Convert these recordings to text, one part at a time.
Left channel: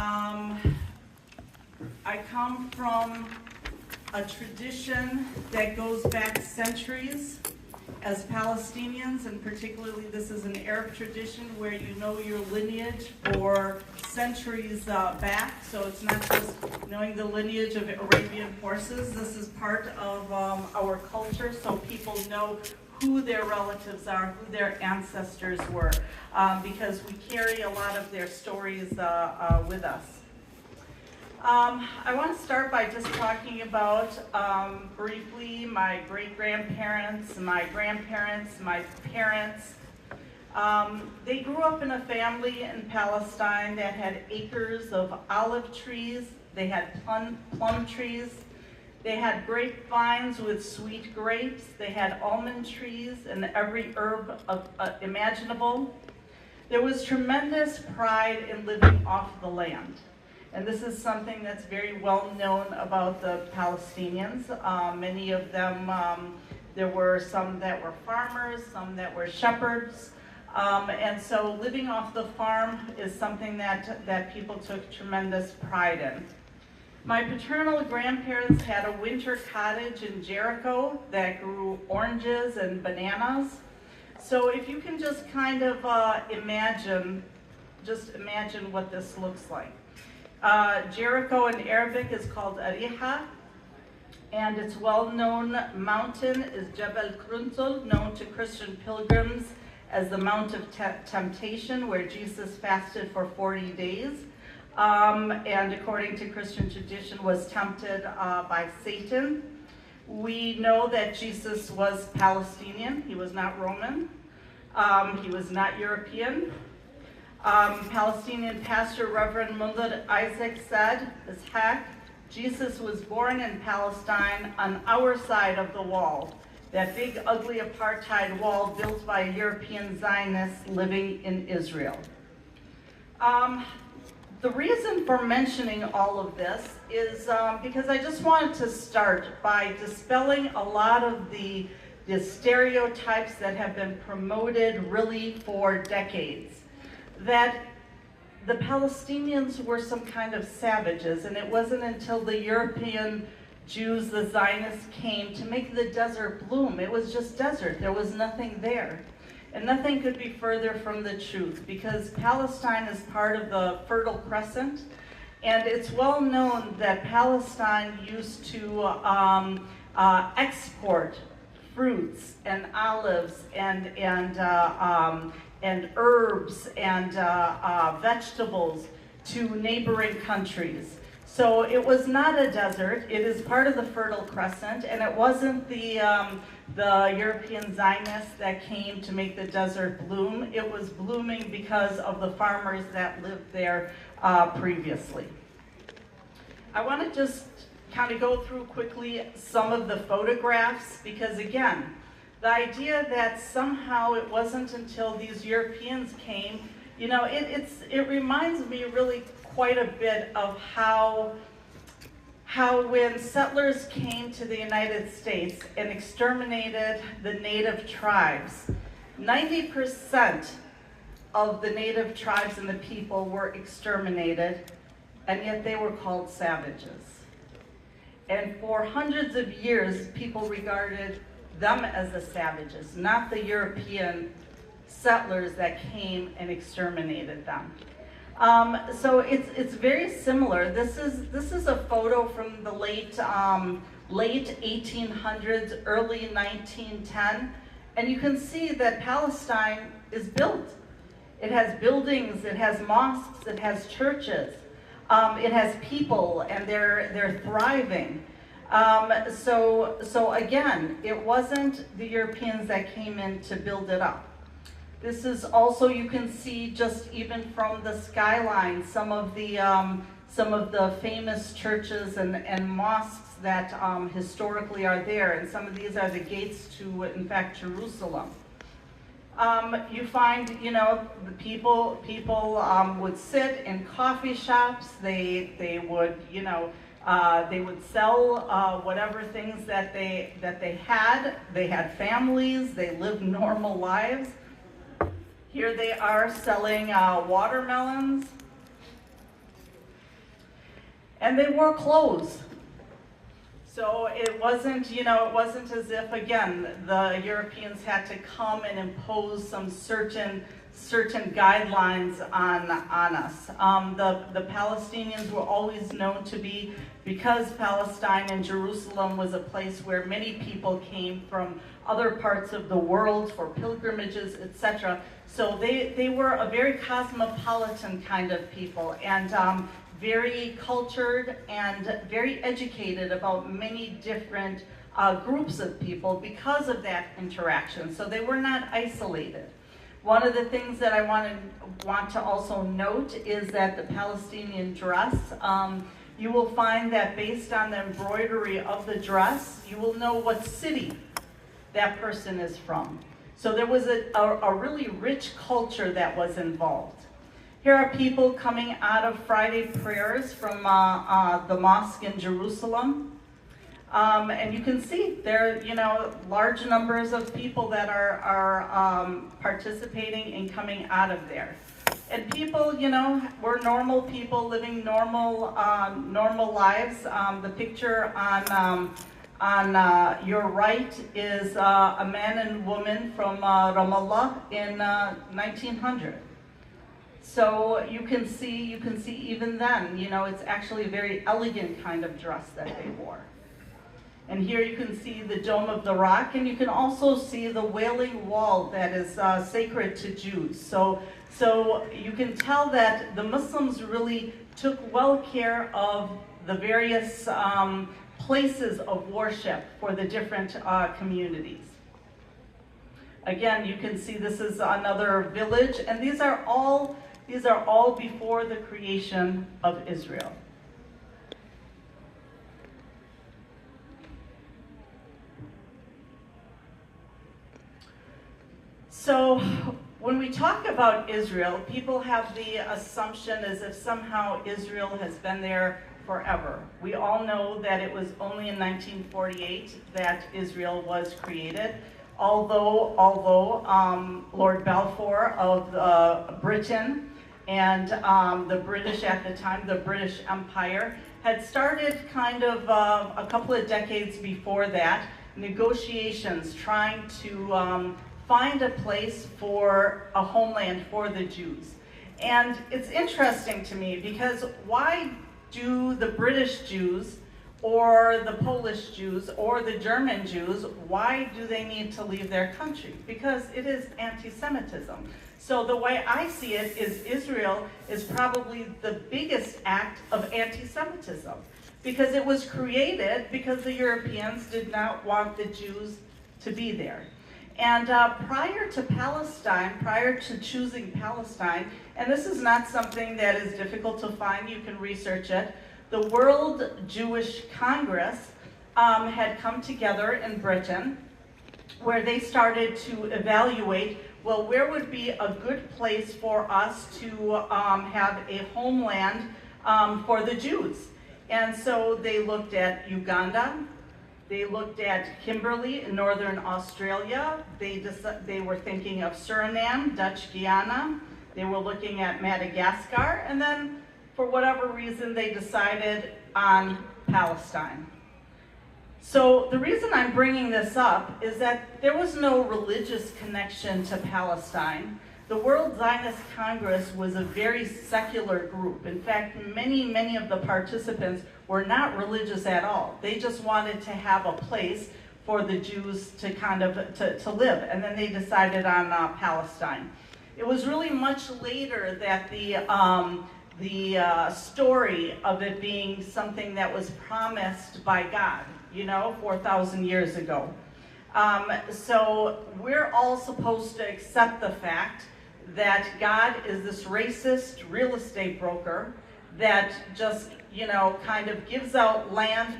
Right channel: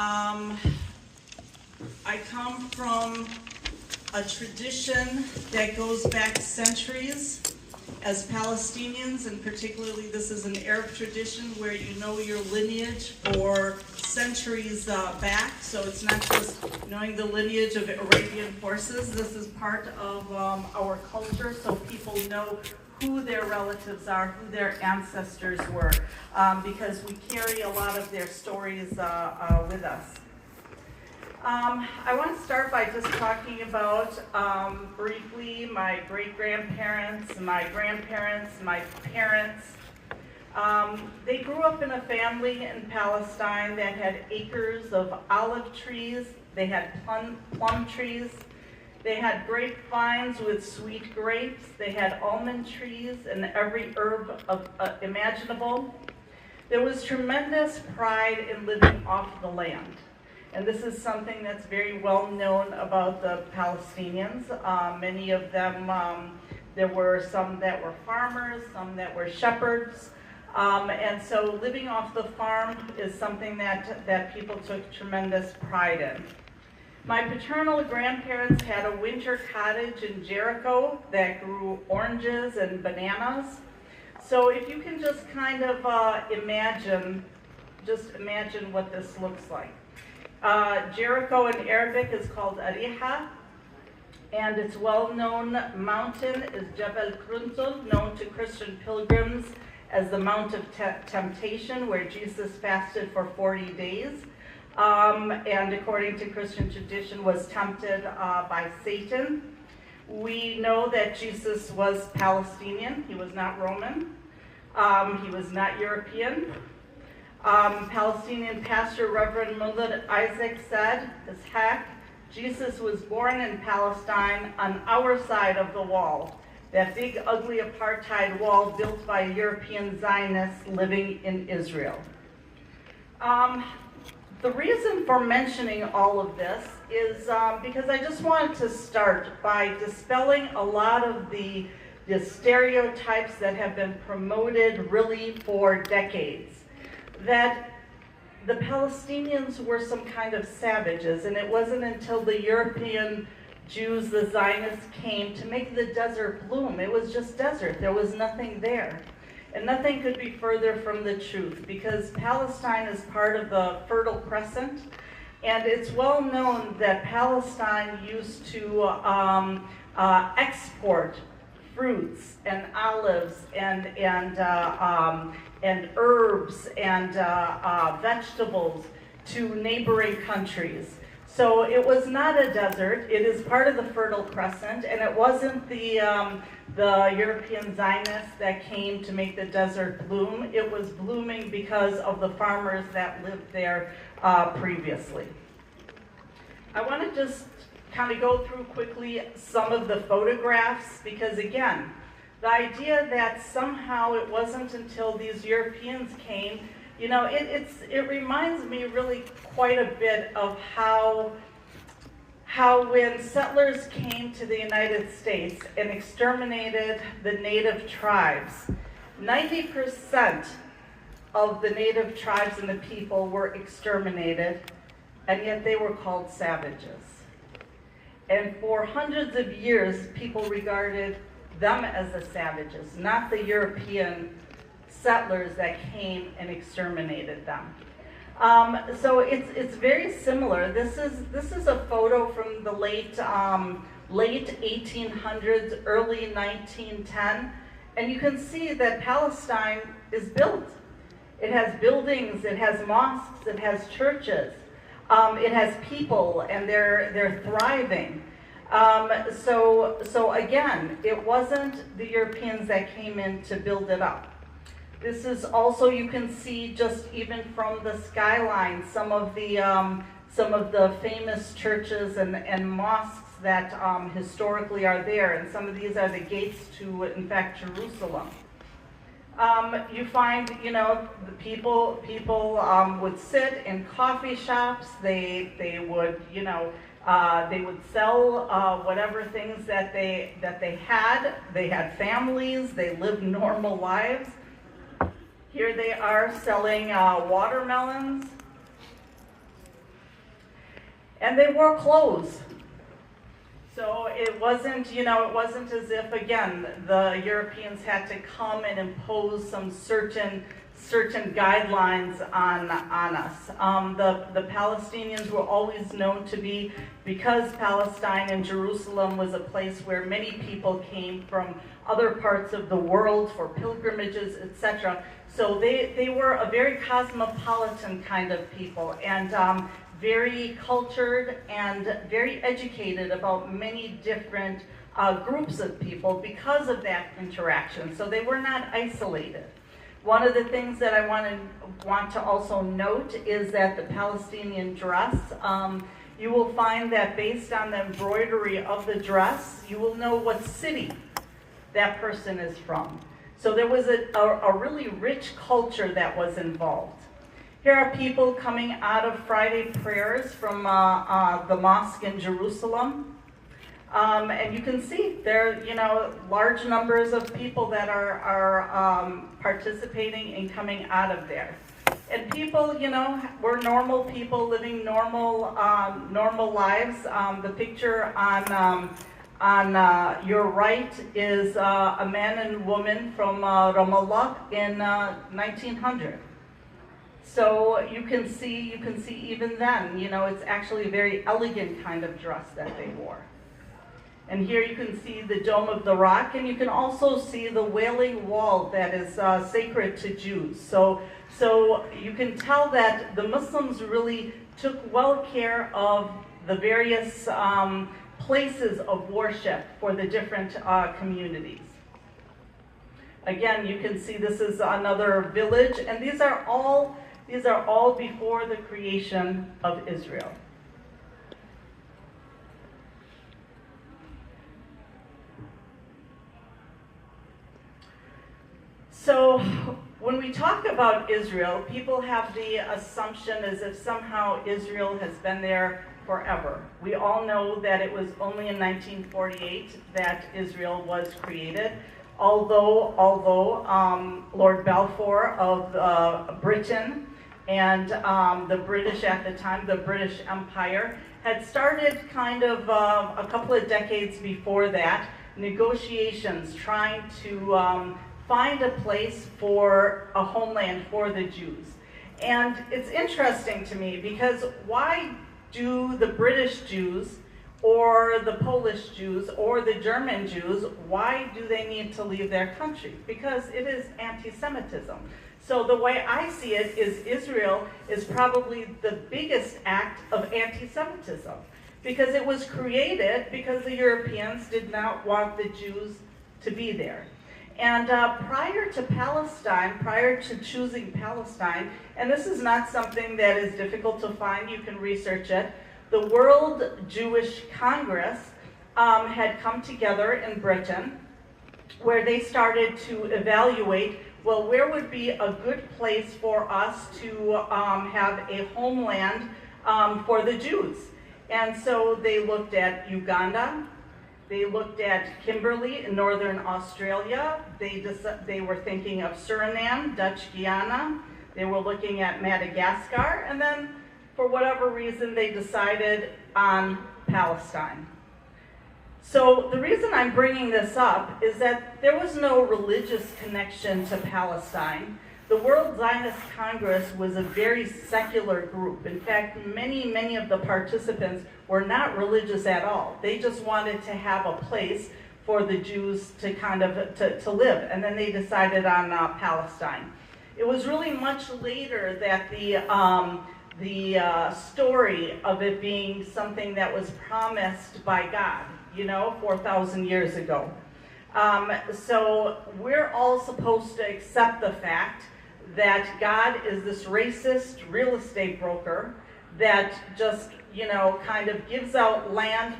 Um, I come from a tradition that goes back centuries as Palestinians, and particularly this is an Arab tradition where you know your lineage for centuries back. So it's not just knowing the lineage of Arabian horses. This is part of our culture, so people know who their relatives are, who their ancestors were, because we carry a lot of their stories with us. I want to start by just talking about briefly my great-grandparents, my grandparents, my parents. They grew up in a family in Palestine that had acres of olive trees, they had plum trees, they had grapevines with sweet grapes, they had almond trees and every herb imaginable. There was tremendous pride in living off the land. And this is something that's very well known about the Palestinians. Many of them, there were some that were farmers, some that were shepherds. And so living off the farm is something that people took tremendous pride in. My paternal grandparents had a winter cottage in Jericho that grew oranges and bananas. So if you can just kind of imagine what this looks like. Jericho in Arabic is called Ariha, and its well-known mountain is Jebel Kruntul, known to Christian pilgrims as the Mount of Temptation, where Jesus fasted for 40 days, and according to Christian tradition was tempted by Satan. We know that Jesus was Palestinian, he was not Roman, he was not European. Palestinian pastor Reverend Mullah Isaac said, Jesus was born in Palestine on our side of the wall, that big ugly apartheid wall built by European Zionists living in Israel. The reason for mentioning all of this is because I just wanted to start by dispelling a lot of the stereotypes that have been promoted really for decades. That the Palestinians were some kind of savages, and it wasn't until the European Jews, the Zionists, came to make the desert bloom. It was just desert. There was nothing there. And nothing could be further from the truth, because Palestine is part of the Fertile Crescent, and it's well known that Palestine used to export fruits and olives and herbs and vegetables to neighboring countries. So it was not a desert. It is part of the Fertile Crescent, and it wasn't the European Zionists that came to make the desert bloom. It was blooming because of the farmers that lived there previously. I want to just kind of go through quickly some of the photographs, because again, the idea that somehow it wasn't until these Europeans came, you know, it reminds me really quite a bit of how when settlers came to the United States and exterminated the native tribes, 90% of the native tribes and the people were exterminated, and yet they were called savages. And for hundreds of years, people regarded them as the savages, not the European settlers that came and exterminated them. So it's very similar. This is a photo from the late 1800s, early 1910, and you can see that Palestine is built. It has buildings, it has mosques, it has churches, it has people, and they're thriving. So again, it wasn't the Europeans that came in to build it up. This is also, you can see just even from the skyline, some of the famous churches and mosques that historically are there, and some of these are the gates to, in fact, Jerusalem. You find, you know, the people would sit in coffee shops. They would, you know, they would sell whatever things that they had. They had families. They lived normal lives. Here they are selling watermelons. And they wore clothes. So it wasn't, it wasn't as if, again, the Europeans had to come and impose some certain guidelines on us. The Palestinians were always known to be, because Palestine and Jerusalem was a place where many people came from other parts of the world for pilgrimages, etc. So they were a very cosmopolitan kind of people, and very cultured and very educated about many different groups of people because of that interaction. So they were not isolated. One of the things that I want to also note is that the Palestinian dress, you will find that based on the embroidery of the dress, you will know what city that person is from. So there was a really rich culture that was involved. Here are people coming out of Friday prayers from the mosque in Jerusalem. And you can see there are, large numbers of people that are participating in coming out of there. And people, we're normal people living normal lives. The picture on your right is a man and woman from Ramallah in 1900. So you can see even then, it's actually a very elegant kind of dress that they wore. And here you can see the Dome of the Rock, and you can also see the Wailing Wall that is sacred to Jews. So you can tell that the Muslims really took well care of the various places of worship for the different communities. Again, you can see this is another village, and these are all before the creation of Israel. So when we talk about Israel, people have the assumption as if somehow Israel has been there forever. We all know that it was only in 1948 that Israel was created. Although Lord Balfour of Britain and the British at the time, the British Empire, had started kind of a couple of decades before that, negotiations trying to find a place for a homeland for the Jews. And it's interesting to me because why do the British Jews or the Polish Jews or the German Jews, why do they need to leave their country? Because it is anti-Semitism. So the way I see it is Israel is probably the biggest act of anti-Semitism, because it was created because the Europeans did not want the Jews to be there. And prior to Palestine, prior to choosing Palestine, and this is not something that is difficult to find, you can research it, the World Jewish Congress had come together in Britain, where they started to evaluate, well, where would be a good place for us to have a homeland for the Jews? And so they looked at Uganda, they looked at Kimberley in northern Australia, they were thinking of Suriname, Dutch Guiana, they were looking at Madagascar, and then for whatever reason they decided on Palestine. So the reason I'm bringing this up is that there was no religious connection to Palestine. The World Zionist Congress was a very secular group. In fact, many of the participants were not religious at all. They just wanted to have a place for the Jews to kind of to live, and then they decided on Palestine. It was really much later that the story of it being something that was promised by God, 4,000 years ago. So we're all supposed to accept the fact that God is this racist real estate broker that just, kind of gives out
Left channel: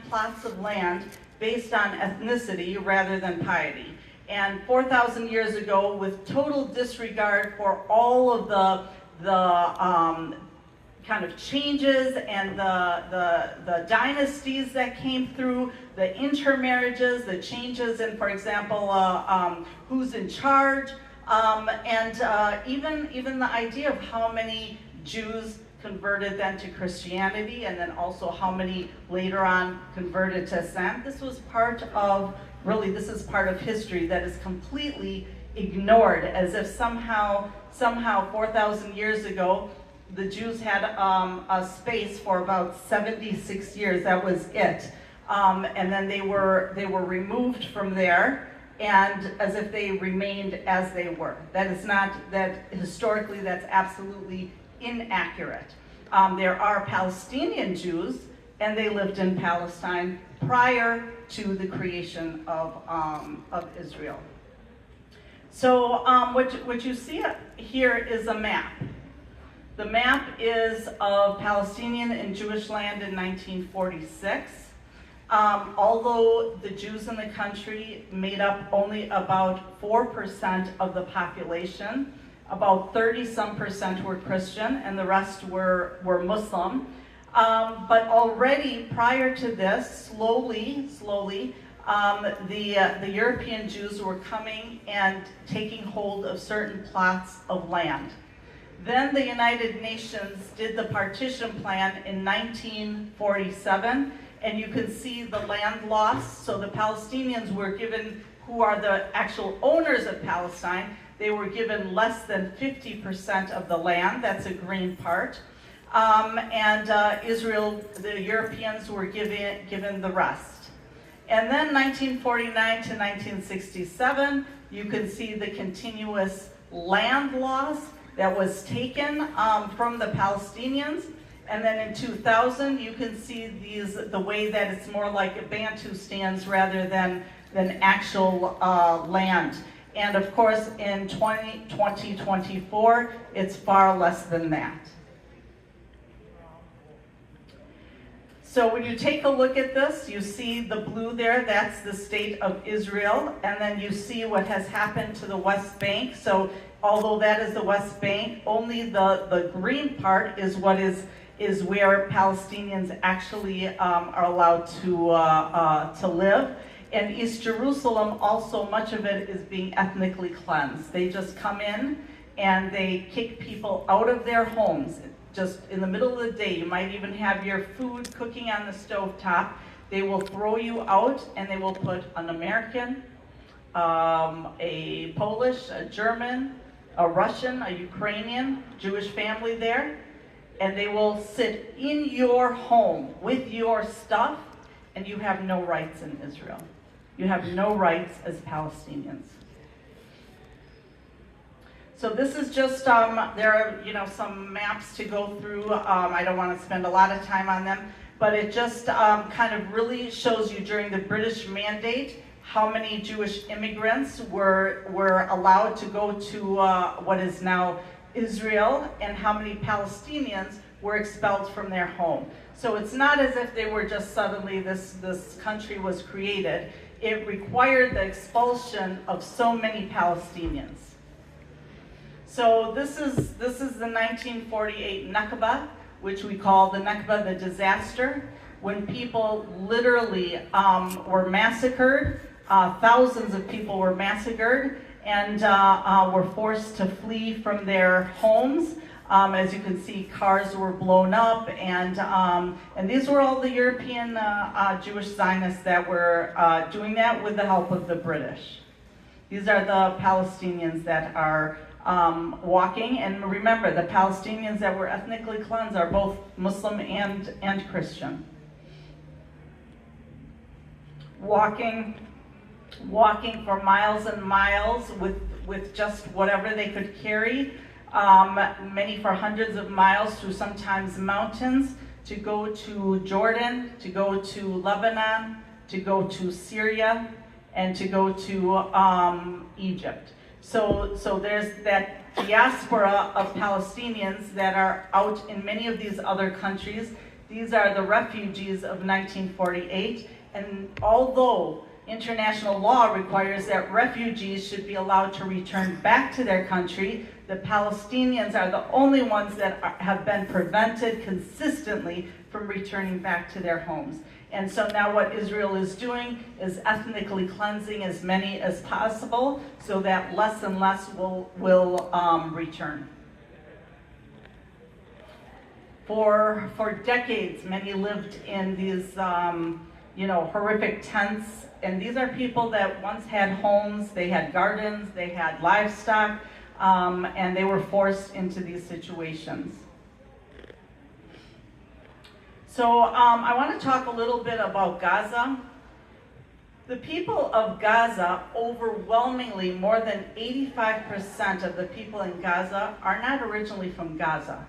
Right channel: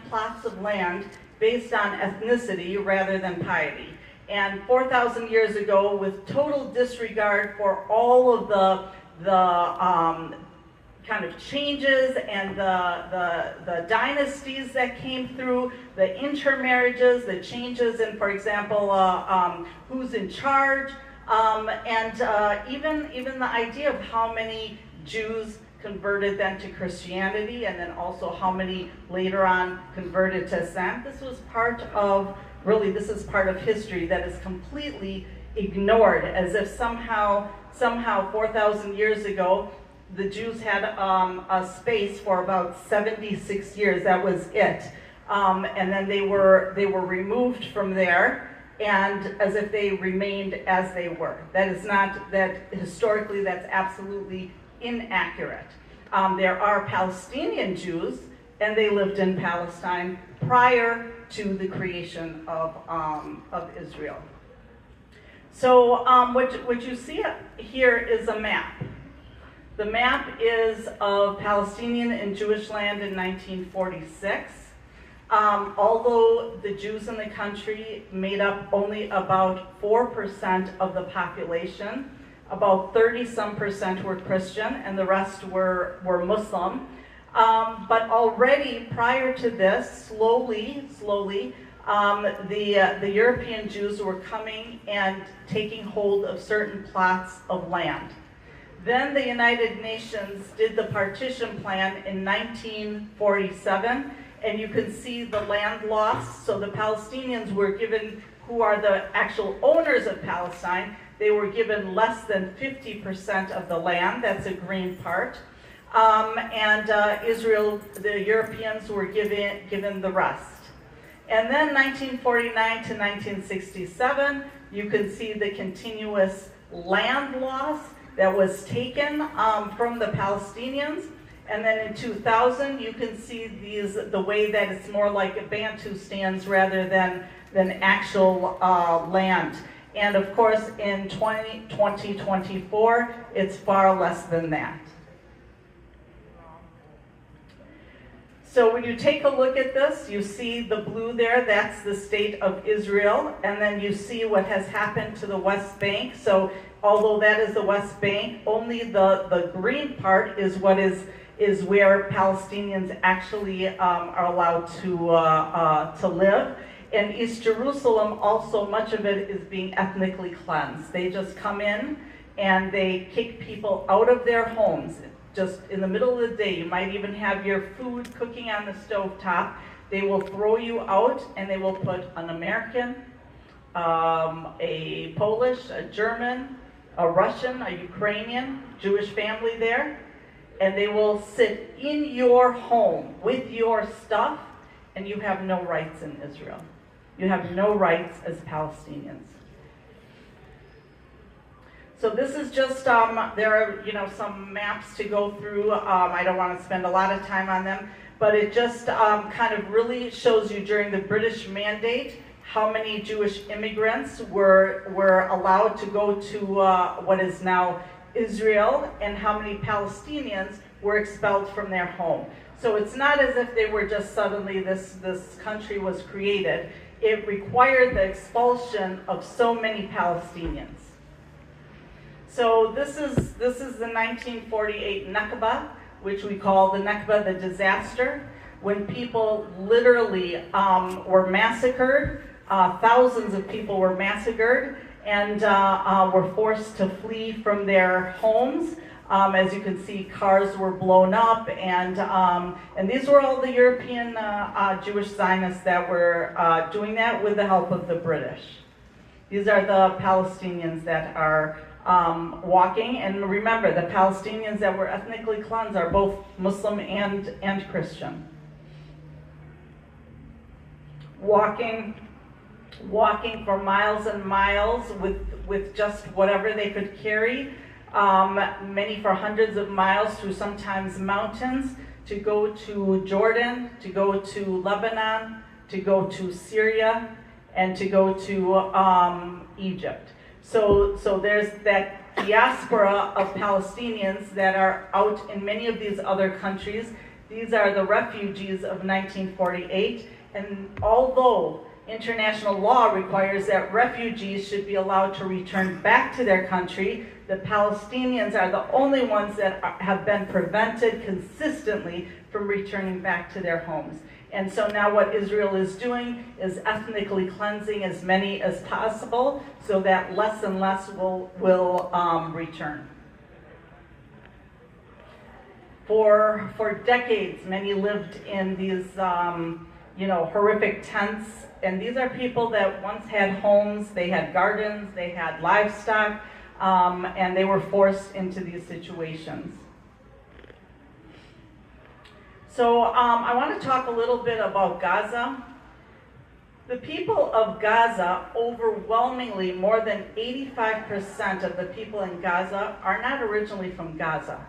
plots of land based on ethnicity rather than piety. And 4,000 years ago, with total disregard for all of the kind of changes and the dynasties that came through, the intermarriages, the changes in, for example, who's in charge, and even the idea of how many Jews converted then to Christianity, and then also how many later on converted to Islam. This was part of, really, this is part of history that is completely ignored, as if somehow 4,000 years ago, the Jews had a space for about 76 years. That was it. And then they were removed from there, and as if they remained as they were. That is not, that historically that's absolutely inaccurate. There are Palestinian Jews, and they lived in Palestine prior to the creation of Israel. So what you see here is a map. The map is of Palestinian and Jewish land in 1946. Although the Jews in the country made up only about 4% of the population, about 30-some% were Christian, and the rest were Muslim. But already prior to this, slowly, the European Jews were coming and taking hold of certain plots of land. Then the United Nations did the partition plan in 1947, and you can see the land loss. So the Palestinians were given, who are the actual owners of Palestine, they were given less than 50% of the land. That's a green part. Israel, the Europeans were given the rest. And then 1949 to 1967, you can see the continuous land loss that was taken from the Palestinians. And then in 2000, you can see the way that it's more like a Bantustans rather than actual land. And of course, in 2024, it's far less than that. So when you take a look at this, you see the blue there, that's the state of Israel, and then you see what has happened to the West Bank. So although that is the West Bank, only the green part is what is where Palestinians actually are allowed to live. And East Jerusalem, also much of it is being ethnically cleansed. They just come in and they kick people out of their homes. Just in the middle of the day, you might even have your food cooking on the stovetop. They will throw you out, and they will put an American, a Polish, a German, a Russian, a Ukrainian, Jewish family there, and they will sit in your home with your stuff, and you have no rights in Israel. You have no rights as Palestinians. So this is just, there are some maps to go through. I don't want to spend a lot of time on them, but it just kind of really shows you during the British Mandate how many Jewish immigrants were allowed to go to what is now Israel, and how many Palestinians were expelled from their home. So it's not as if they were just suddenly this country was created. It required the expulsion of so many Palestinians. So this is the 1948 Nakba, which we call the Nakba, the disaster, when people literally were massacred. Thousands of people were massacred and were forced to flee from their homes. As you can see, cars were blown up, and these were all the European Jewish Zionists that were doing that with the help of the British. These are the Palestinians that are walking, and remember, the Palestinians that were ethnically cleansed are both Muslim and Christian. Walking for miles and miles with just whatever they could carry, many for hundreds of miles through sometimes mountains, to go to Jordan, to go to Lebanon, to go to Syria, and to go to Egypt. So there's that diaspora of Palestinians that are out in many of these other countries. These are the refugees of 1948, and although international law requires that refugees should be allowed to return back to their country, the Palestinians are the only ones that have been prevented consistently from returning back to their homes. And so now what Israel is doing is ethnically cleansing as many as possible so that less and less will return. For decades, many lived in these horrific tents, and these are people that once had homes, they had gardens, they had livestock, and they were forced into these situations. So I want to talk a little bit about Gaza. The people of Gaza, overwhelmingly, more than 85% of the people in Gaza are not originally from Gaza.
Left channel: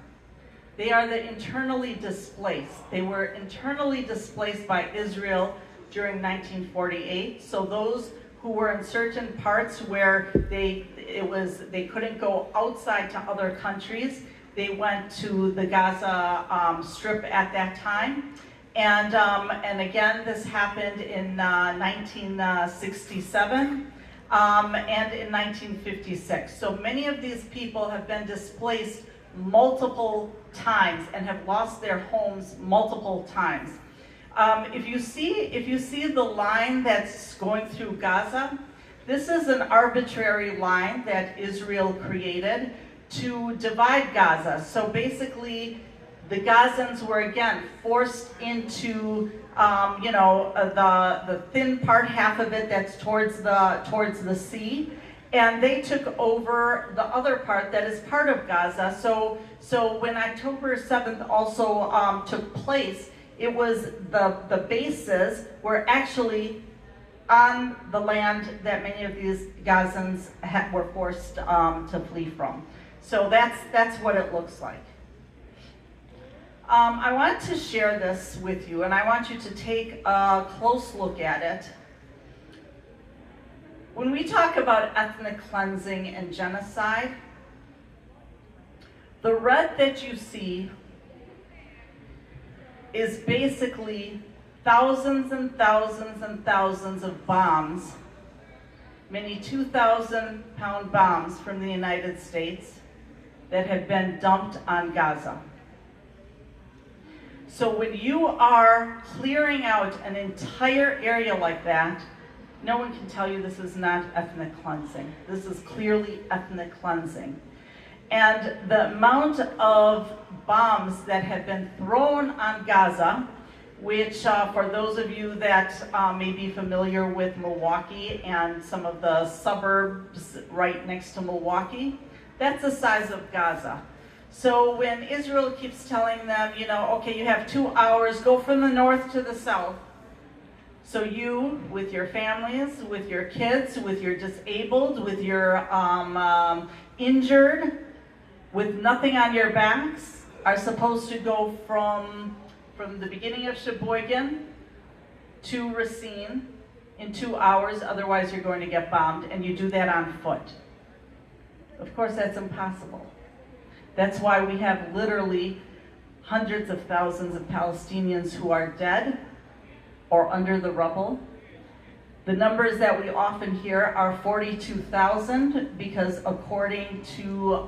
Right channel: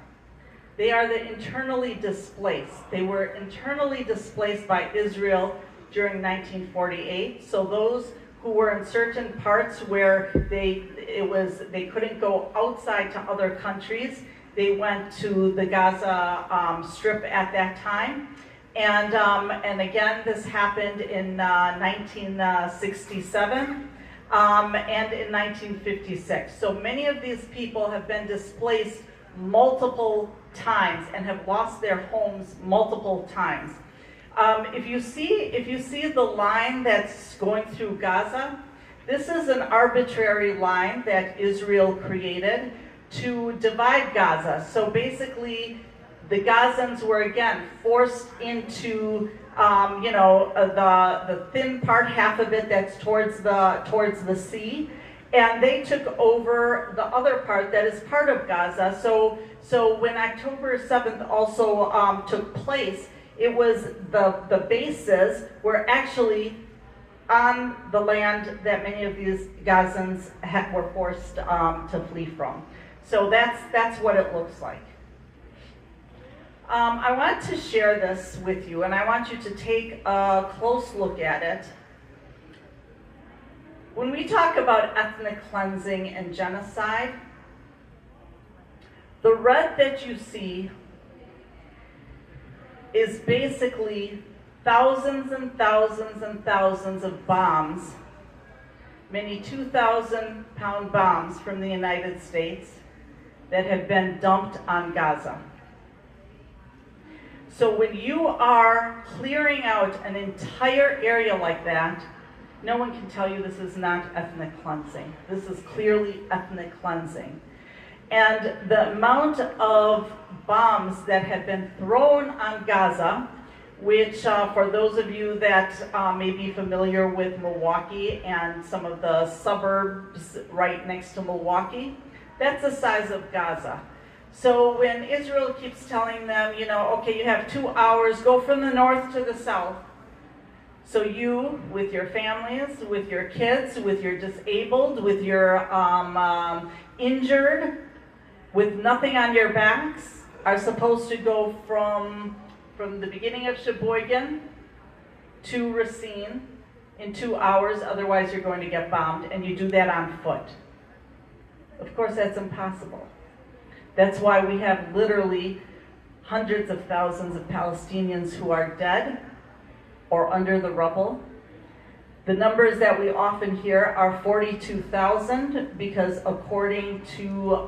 They are the internally displaced. They were internally displaced by Israel during 1948. So those who were in certain parts where they couldn't go outside to other countries, they went to the Gaza Strip at that time. And again, this happened in 1967 and in 1956. So many of these people have been displaced multiple times and have lost their homes multiple times. If you see the line that's going through Gaza, this is an arbitrary line that Israel created to divide Gaza. So basically, the Gazans were again forced into the thin part, half of it that's towards the sea, and they took over the other part that is part of Gaza. So when October 7th also took place, it was the bases were actually on the land that many of these Gazans were forced to flee from. So that's what it looks like. I want to share this with you, and I want you to take a close look at it. When we talk about ethnic cleansing and genocide, the red that you see is basically thousands and thousands and thousands of bombs, many 2,000-pound bombs from the United States that have been dumped on Gaza. So when you are clearing out an entire area like that, no one can tell you this is not ethnic cleansing. This is clearly ethnic cleansing. And the amount of bombs that have been thrown on Gaza, which for those of you that may be familiar with Milwaukee and some of the suburbs right next to Milwaukee, that's the size of Gaza. So when Israel keeps telling them, okay, you have 2 hours, go from the north to the south. So you, with your families, with your kids, with your disabled, with your injured, with nothing on your backs, are supposed to go from the beginning of Sheboygan to Racine in 2 hours, otherwise you're going to get bombed, and you do that on foot. Of course, that's impossible. That's why we have literally hundreds of thousands of Palestinians who are dead or under the rubble. The numbers that we often hear are 42,000 because according to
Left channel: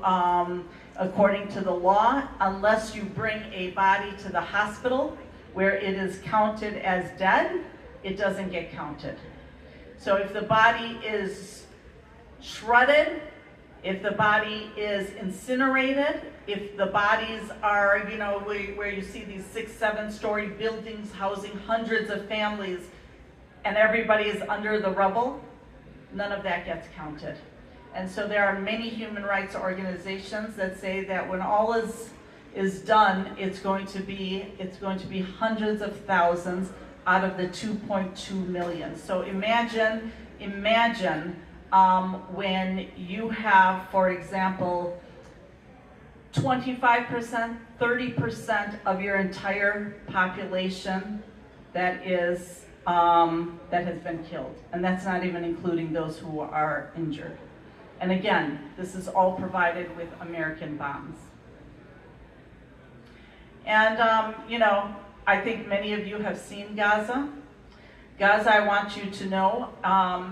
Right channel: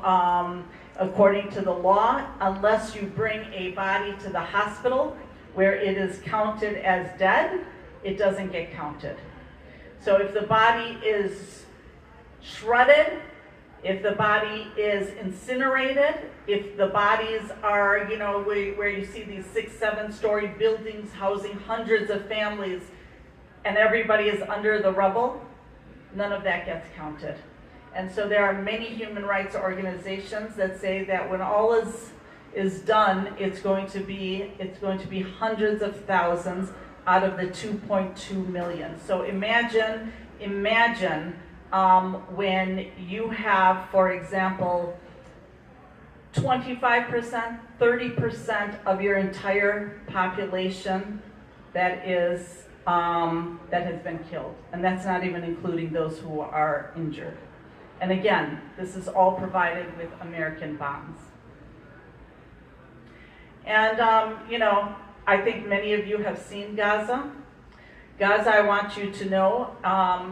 the law, unless you bring a body to the hospital where it is counted as dead, it doesn't get counted. So if the body is shredded, if the body is incinerated, if the bodies are, where you see these 6-7-story buildings housing hundreds of families and everybody is under the rubble, none of that gets counted. And so there are many human rights organizations that say that when all is done, it's going to be hundreds of thousands out of the 2.2 million. So imagine when you have, for example, 25%, 30% of your entire population that has been killed. And that's not even including those who are injured. And again, this is all provided with American bombs. And, I think many of you have seen Gaza. Gaza, I want you to know,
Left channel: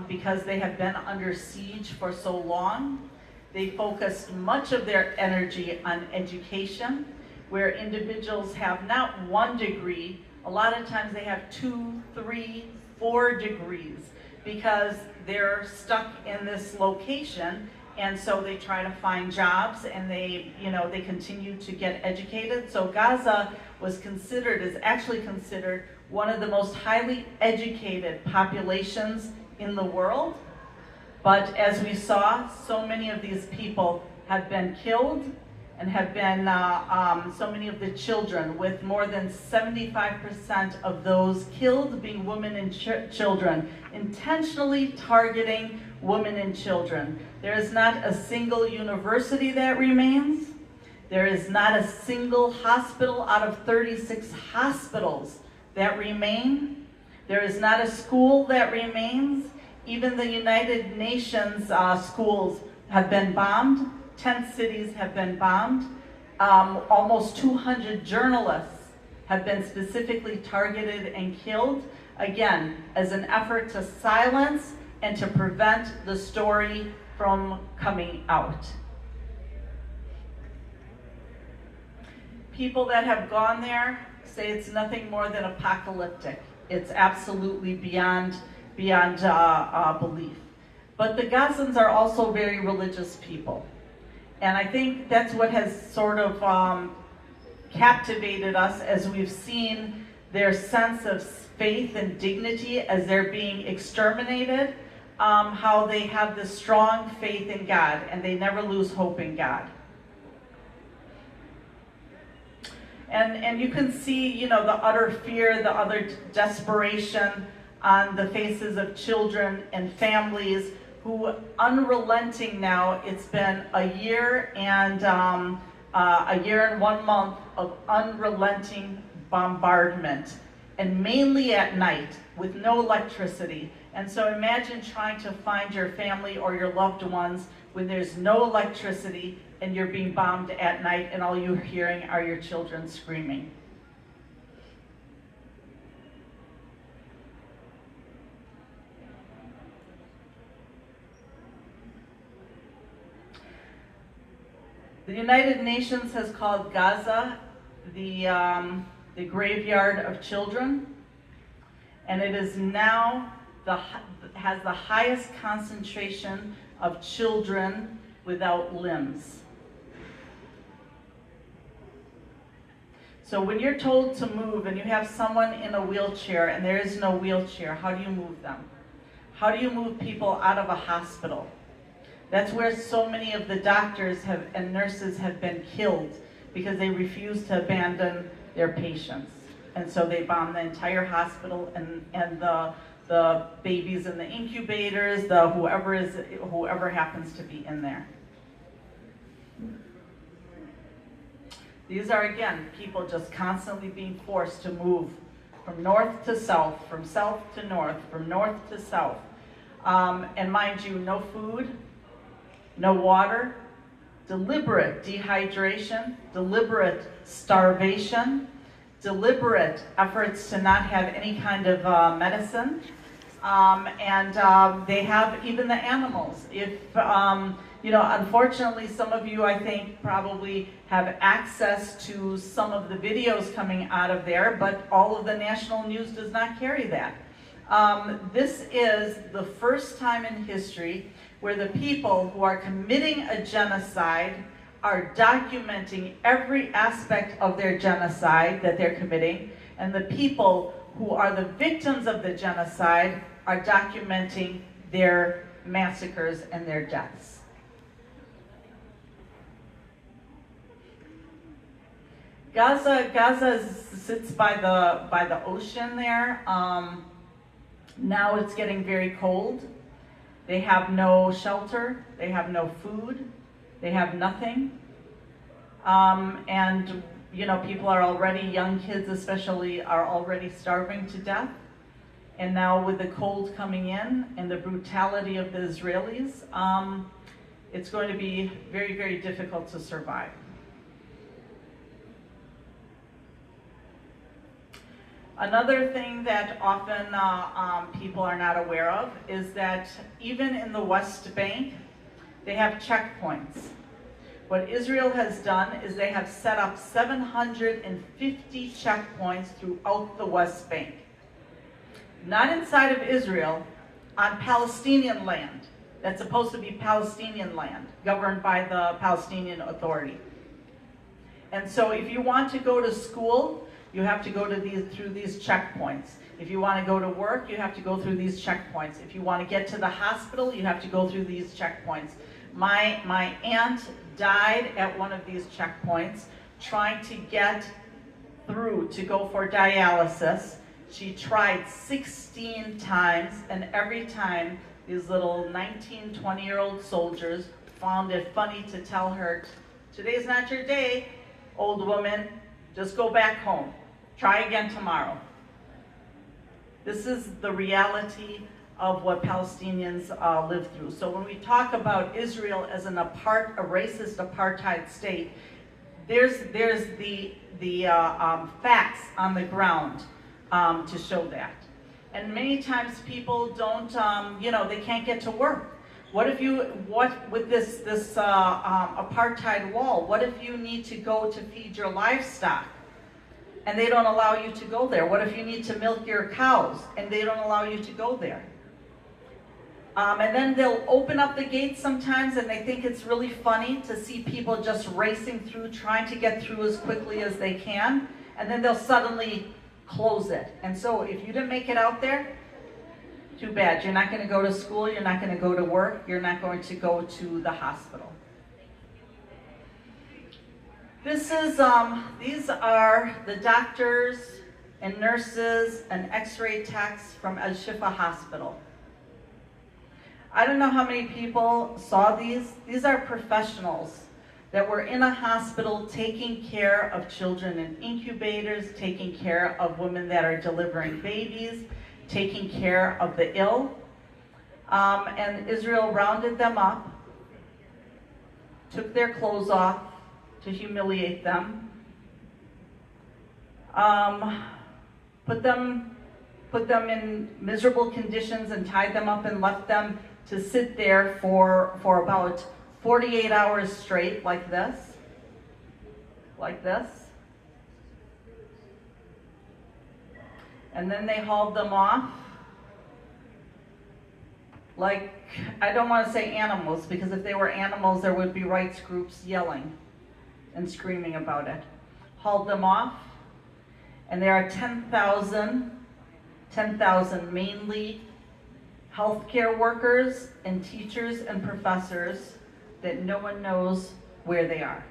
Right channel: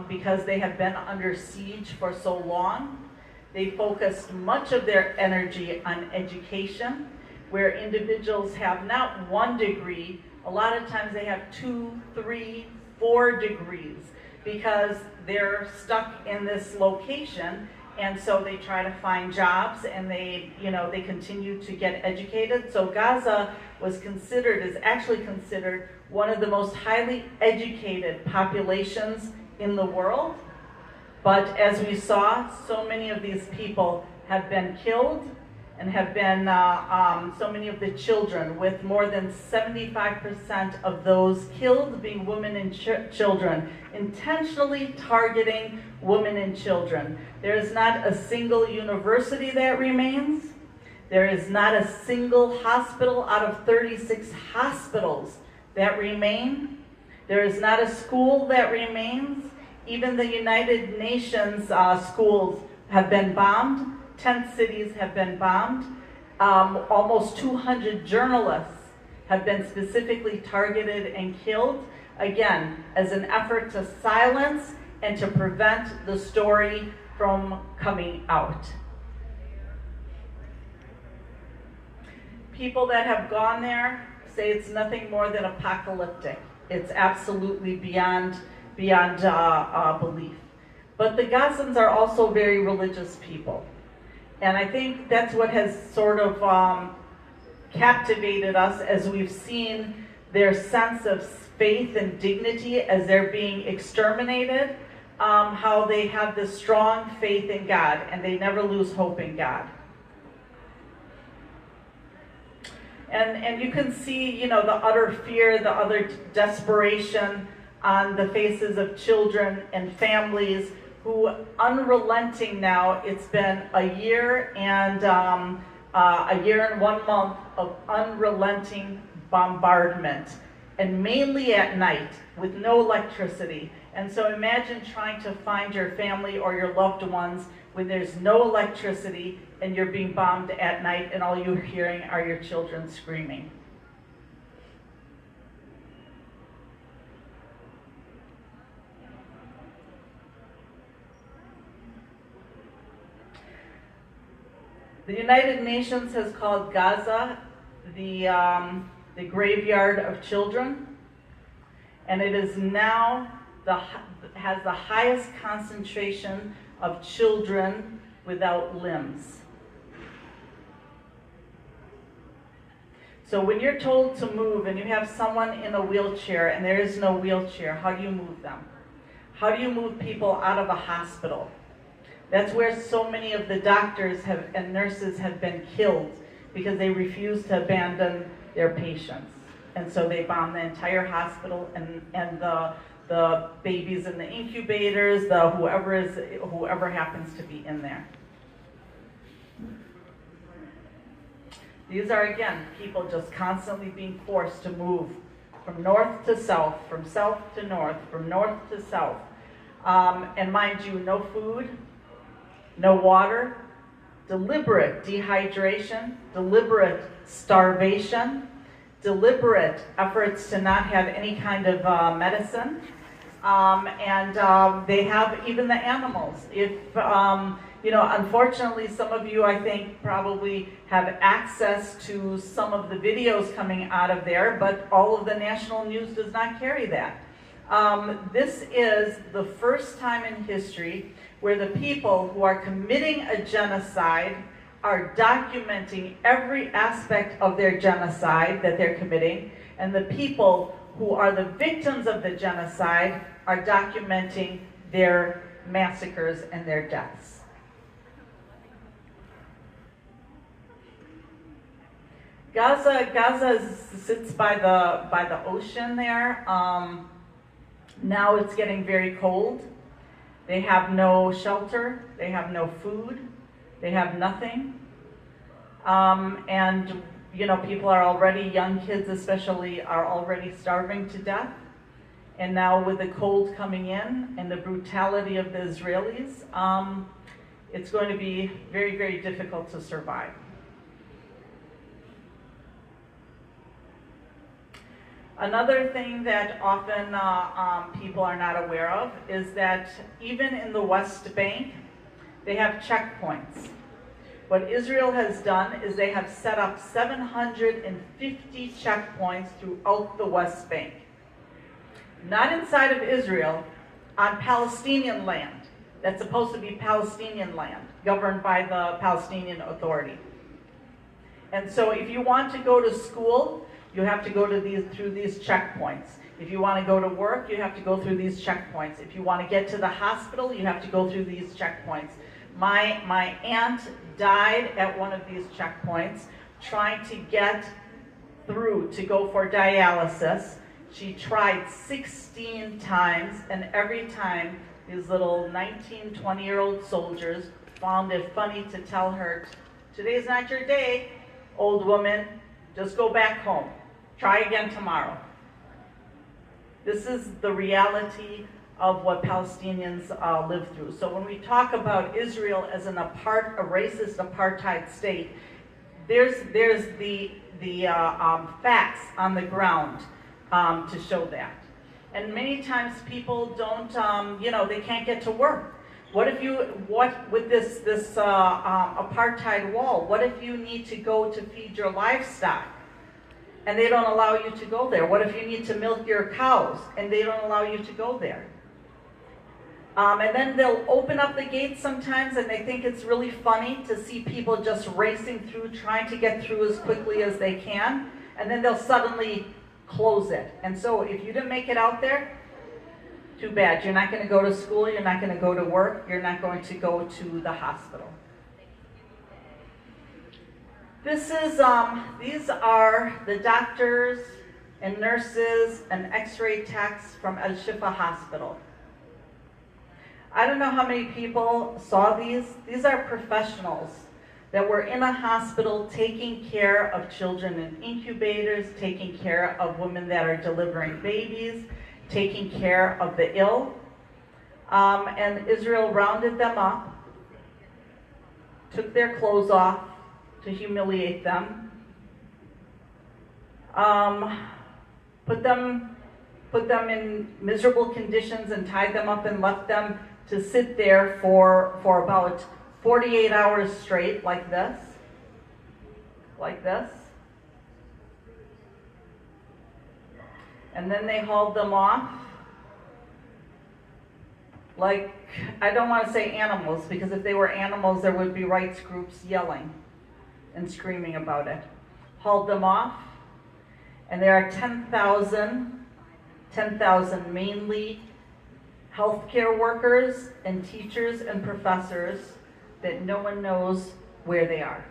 because they have been under siege for so long, they focused much of their energy on education, where individuals have not 1 degree, a lot of times they have 2, 3, 4 degrees, because they're stuck in this location and so they try to find jobs, and they continue to get educated. So Gaza is actually considered one of the most highly educated populations in the world. But as we saw, so many of these people have been killed, and have been, so many of the children, with more than 75% of those killed being women and children, intentionally targeting women and children. There is not a single university that remains. There is not a single hospital out of 36 hospitals that remain. There is not a school that remains. Even the United Nations schools have been bombed. 10 cities have been bombed. Almost 200 journalists have been specifically targeted and killed, again, as an effort to silence and to prevent the story from coming out. People that have gone there say it's nothing more than apocalyptic. It's absolutely beyond belief. But the Gazans are also very religious people. And I think that's what has sort of captivated us as we've seen their sense of faith and dignity as they're being exterminated, how they have this strong faith in God, and they never lose hope in God. And you can see, the utter fear, the utter desperation on the faces of children and families who, unrelenting now, it's been a year and 1 month of unrelenting bombardment, and mainly at night with no electricity. And so imagine trying to find your family or your loved ones when there's no electricity and you're being bombed at night and all you're hearing are your children screaming. The United Nations has called Gaza the graveyard of children, and it is now has the highest concentration of children without limbs. So when you're told to move and you have someone in a wheelchair and there is no wheelchair, how do you move them? How do you move people out of a hospital? That's where so many of the doctors and nurses have been killed, because they refuse to abandon their patients. And so they bomb the entire hospital, and the babies in the incubators, whoever happens to be in there. These are, again, people just constantly being forced to move from north to south, from south to north, from north to south. And mind you, no food, no water, deliberate dehydration, deliberate starvation, deliberate efforts to not have any kind of medicine, and they have even the animals. If unfortunately, some of you, I think, probably have access to some of the videos coming out of there, but all of the national news does not carry that. This is the first time in history where the people who are committing a genocide are documenting every aspect of their genocide that they're committing, and the people who are the victims of the genocide are documenting their massacres and their deaths. Gaza sits by the ocean there. Now it's getting very cold. They have no shelter, they have no food, they have nothing. And people are already, young kids especially, are already starving to death. And now with the cold coming in and the brutality of the Israelis, it's going to be very, very difficult to survive. Another thing that often people are not aware of is that even in the West Bank, they have checkpoints. What Israel has done is they have set up 750 checkpoints throughout the West Bank. Not inside of Israel, on Palestinian land. That's supposed to be Palestinian land, governed by the Palestinian Authority. And so if you want to go to school, you have to go to through these checkpoints. If you want to go to work, you have to go through these checkpoints. If you want to get to the hospital, you have to go through these checkpoints. My aunt died at one of these checkpoints trying to get through to go for dialysis. She tried 16 times, and every time these little 19, 20-year-old soldiers found it funny to tell her, today's not your day, old woman, just go back home. Try again tomorrow. This is the reality of what Palestinians live through. So when we talk about Israel as a racist apartheid state, there's the facts on the ground to show that. And many times people don't, they can't get to work. With this apartheid wall, what if you need to go to feed your livestock and they don't allow you to go there? What if you need to milk your cows and they don't allow you to go there? And then they'll open up the gates sometimes, and they think it's really funny to see people just racing through, trying to get through as quickly as they can, and then they'll suddenly close it. And so if you didn't make it out there, too bad. You're not going to go to school, you're not going to go to work, you're not going to go to the hospital. These are the doctors and nurses and x-ray techs from Al Shifa Hospital. I don't know how many people saw these. These are professionals that were in a hospital taking care of children in incubators, taking care of women that are delivering babies, taking care of the ill. And Israel rounded them up, took their clothes off to humiliate them, put them in miserable conditions and tied them up and left them to sit there for about 48 hours straight, like this. And then they hauled them off like, I don't want to say animals, because if they were animals, there would be rights groups yelling and screaming about it. Hauled them off, and there are 10,000 mainly healthcare workers and teachers and professors that no one knows where they are.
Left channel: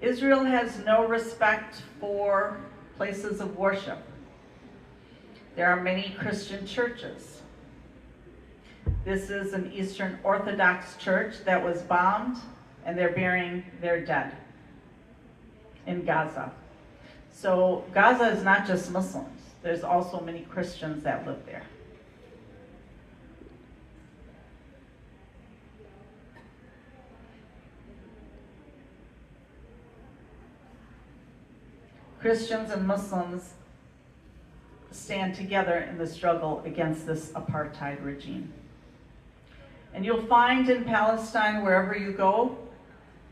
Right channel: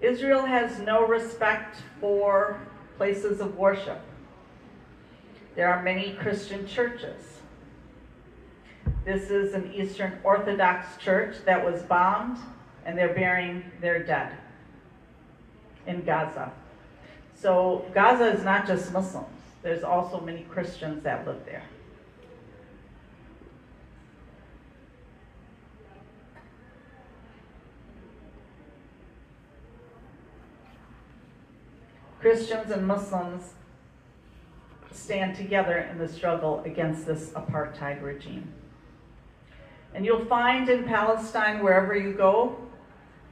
Israel has no respect for places of worship. There are many Christian churches. This is an Eastern Orthodox church that was bombed, and they're burying their dead in Gaza. So Gaza is not just Muslims. There's also many Christians that live there. Christians and Muslims stand together in the struggle against this apartheid regime. And you'll find in Palestine, wherever you go,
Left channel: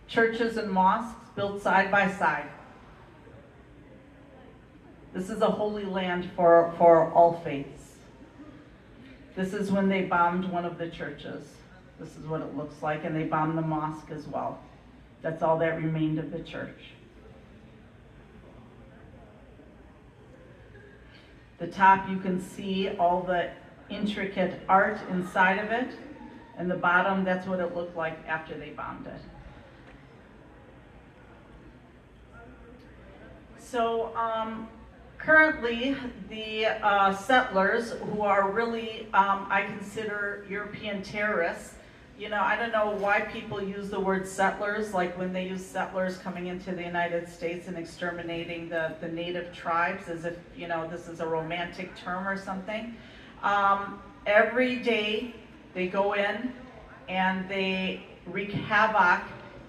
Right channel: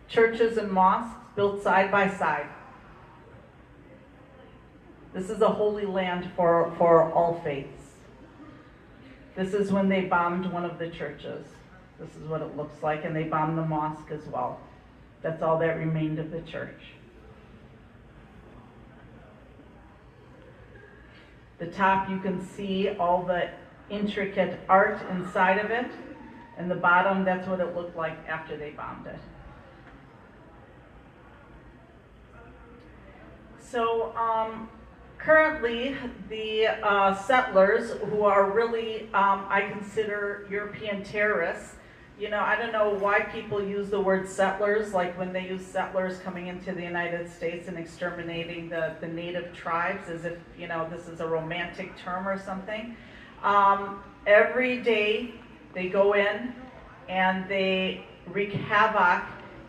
churches and mosques built side by side. This is a holy land for all faiths. This is when they bombed one of the churches. This is what it looks like, and they bombed the mosque as well. That's all that remained of the church. The top, you can see all the intricate art inside of it, and the bottom, that's what it looked like after they bombed it. So currently, the settlers, who are really, I consider European terrorists. You know, I don't know why people use the word settlers, like when they use settlers coming into the United States and exterminating the native tribes, as if, you know, this is a romantic term or something. Every day they go in and they wreak havoc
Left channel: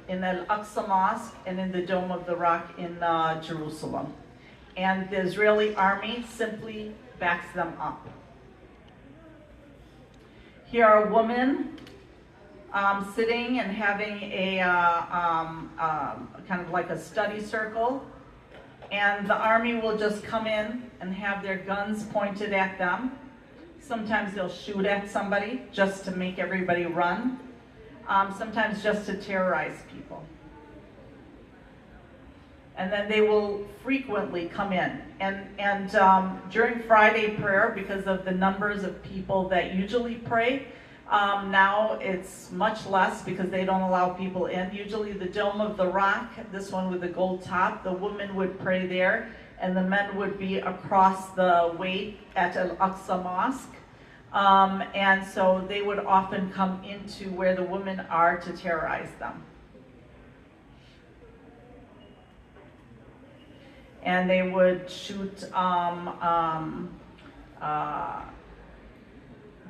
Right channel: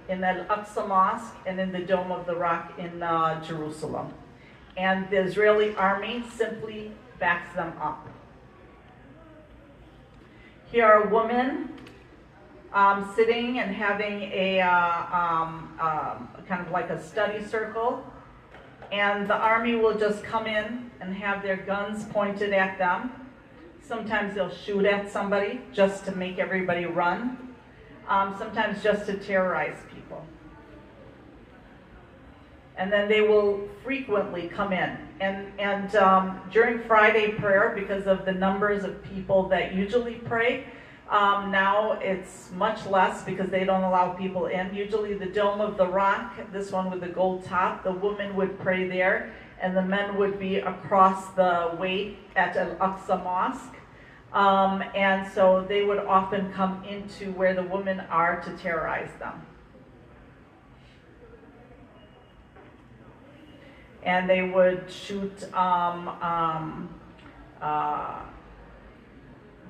in the Al-Aqsa Mosque and in the Dome of the Rock in Jerusalem. And the Israeli army simply backs them up. Here are women sitting and having a kind of like a study circle, and the army will just come in and have their guns pointed at them Sometimes they'll shoot at somebody just to make everybody run. Sometimes just to terrorize people. And then they will frequently come in. And during Friday prayer, because of the numbers of people that usually pray, now it's much less because they don't allow people in. Usually the Dome of the Rock, this one with the gold top, the women would pray there, and the men would be across the way at Al-Aqsa Mosque. And so they would often come into where the women are to terrorize them. And they would shoot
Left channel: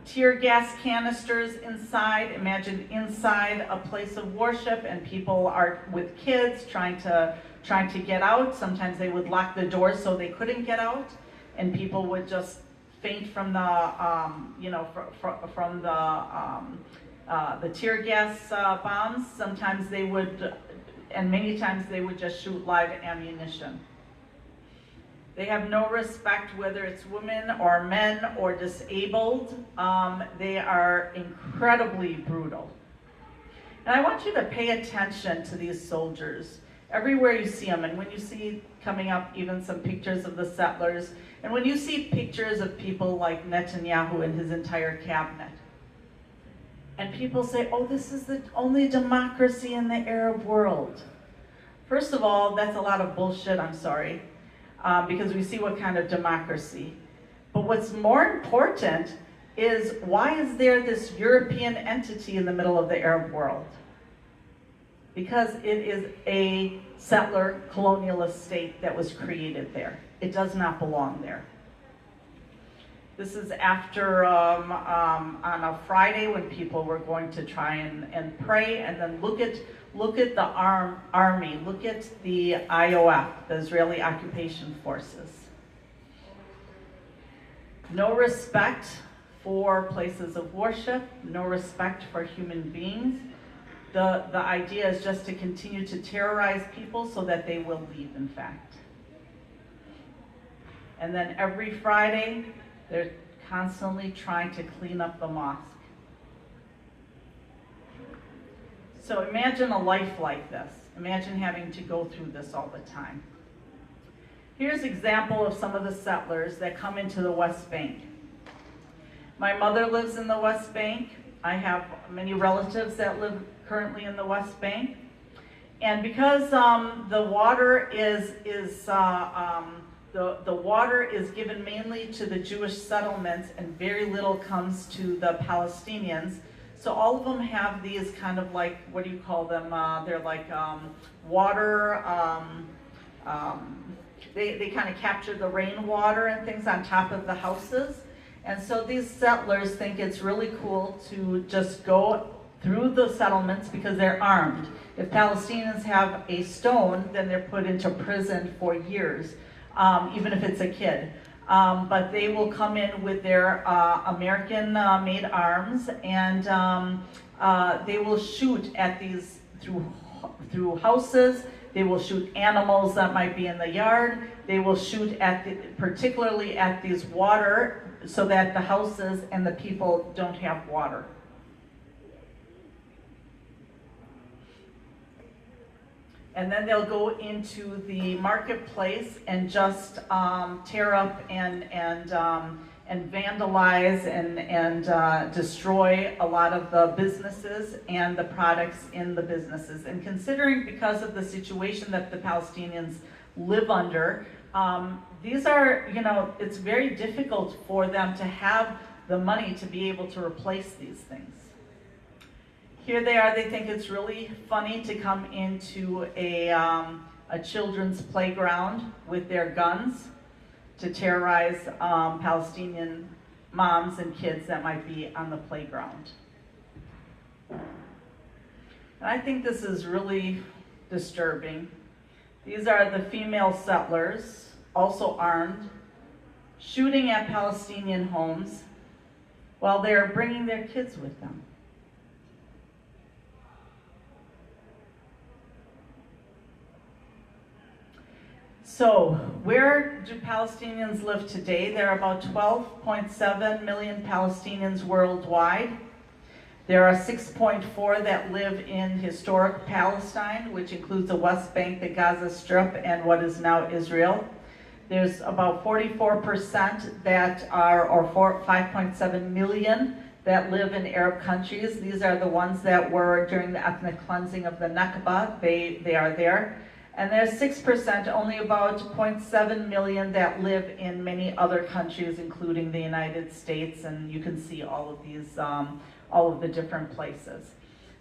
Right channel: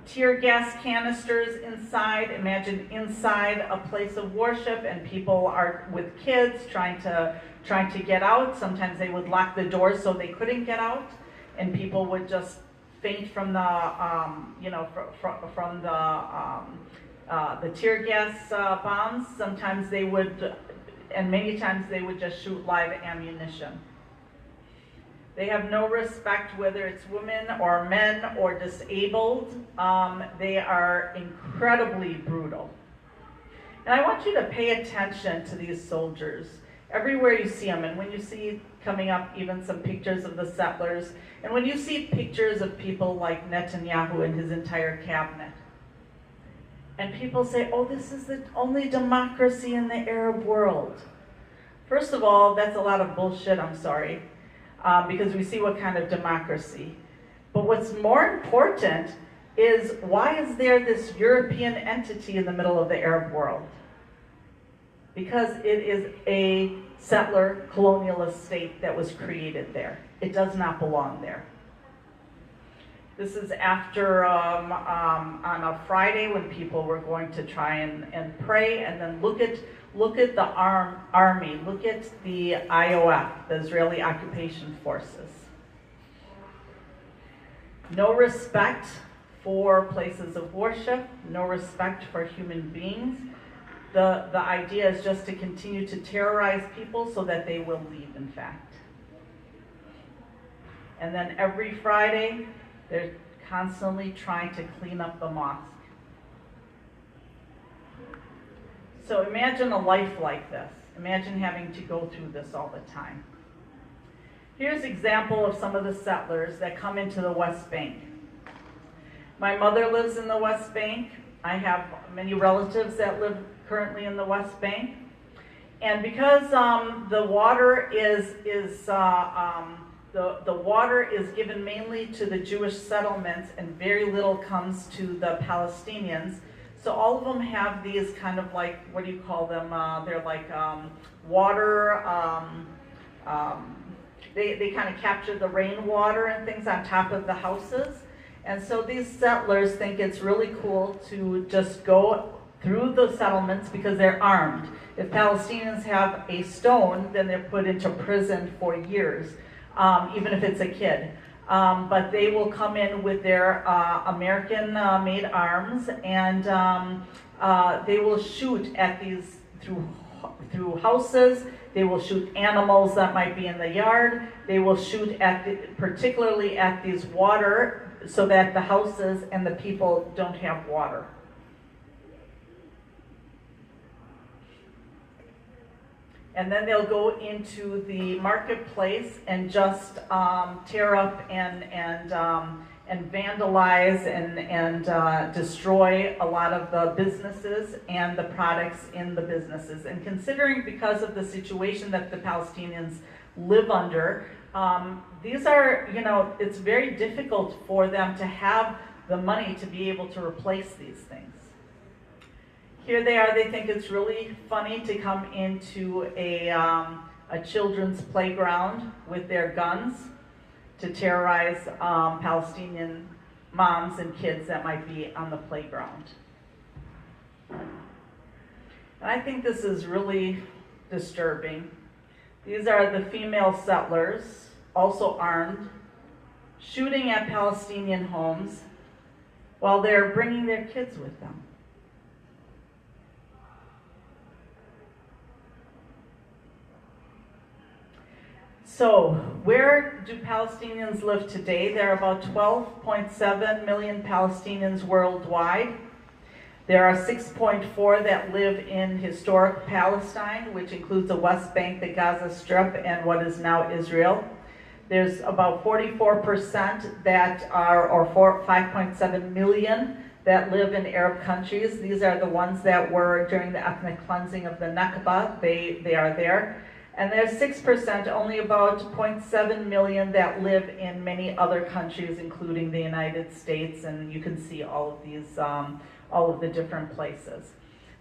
tear gas canisters inside. Imagine inside a place of worship, and people are with kids trying to get out. Sometimes they would lock the doors so they couldn't get out, and people would just faint from the from the tear gas bombs. Sometimes they would, and many times they would just shoot live ammunition. They have no respect whether it's women or men or disabled. They are incredibly brutal. And I want you to pay attention to these soldiers everywhere you see them. And when you see coming up even some pictures of the settlers, and when you see pictures of people like Netanyahu and his entire cabinet, and people say, oh, this is the only democracy in the Arab world. First of all, that's a lot of bullshit, I'm sorry. Because we see what kind of democracy. But what's more important is, why is there this European entity in the middle of the Arab world? Because it is a settler colonialist state that was created there. It does not belong there. This is after on a Friday when people were going to try and pray, and then look at the army, look at the IOF, the Israeli Occupation Forces. No respect for places of worship, no respect for human beings. The idea is just to continue to terrorize people so that they will leave, in fact. And then every Friday, they're constantly trying to clean up the mosque. So imagine a life like this. Imagine having to go through this all the time. Here's an example of some of the settlers that come into the West Bank. My mother lives in the West Bank. I have many relatives that live currently in the West Bank. And because the water is given mainly to the Jewish settlements and very little comes to the Palestinians, so all of them have these kind of like, what do you call them? They're like water, they kind of capture the rainwater and things on top of the houses. And so these settlers think it's really cool to just go through the settlements because they're armed. If Palestinians have a stone, then they're put into prison for years, even if it's a kid. But they will come in with their American-made arms, and they will shoot at these through houses. They will shoot animals that might be in the yard. They will shoot at particularly at these water, so that the houses and the people don't have water. And then they'll go into the marketplace and just tear up and vandalize and destroy a lot of the businesses and the products in the businesses. And considering, because of the situation that the Palestinians live under, these are, it's very difficult for them to have the money to be able to replace these things. Here they are, they think it's really funny to come into a children's playground with their guns to terrorize Palestinian moms and kids that might be on the playground. And I think this is really disturbing. These are the female settlers, also armed, shooting at Palestinian homes while they're bringing their kids with them. So, where do Palestinians live today? There are about 12.7 million Palestinians worldwide. There are 6.4 that live in historic Palestine, which includes the West Bank, the Gaza Strip, and what is now Israel. There's about 44% that are, or 5.7 million, that live in Arab countries. These are the ones that were during the ethnic cleansing of the Nakba. They are there. And there's 6%, only about 0.7 million, that live in many other countries, including the United States, and you can see all of these, all of the different places.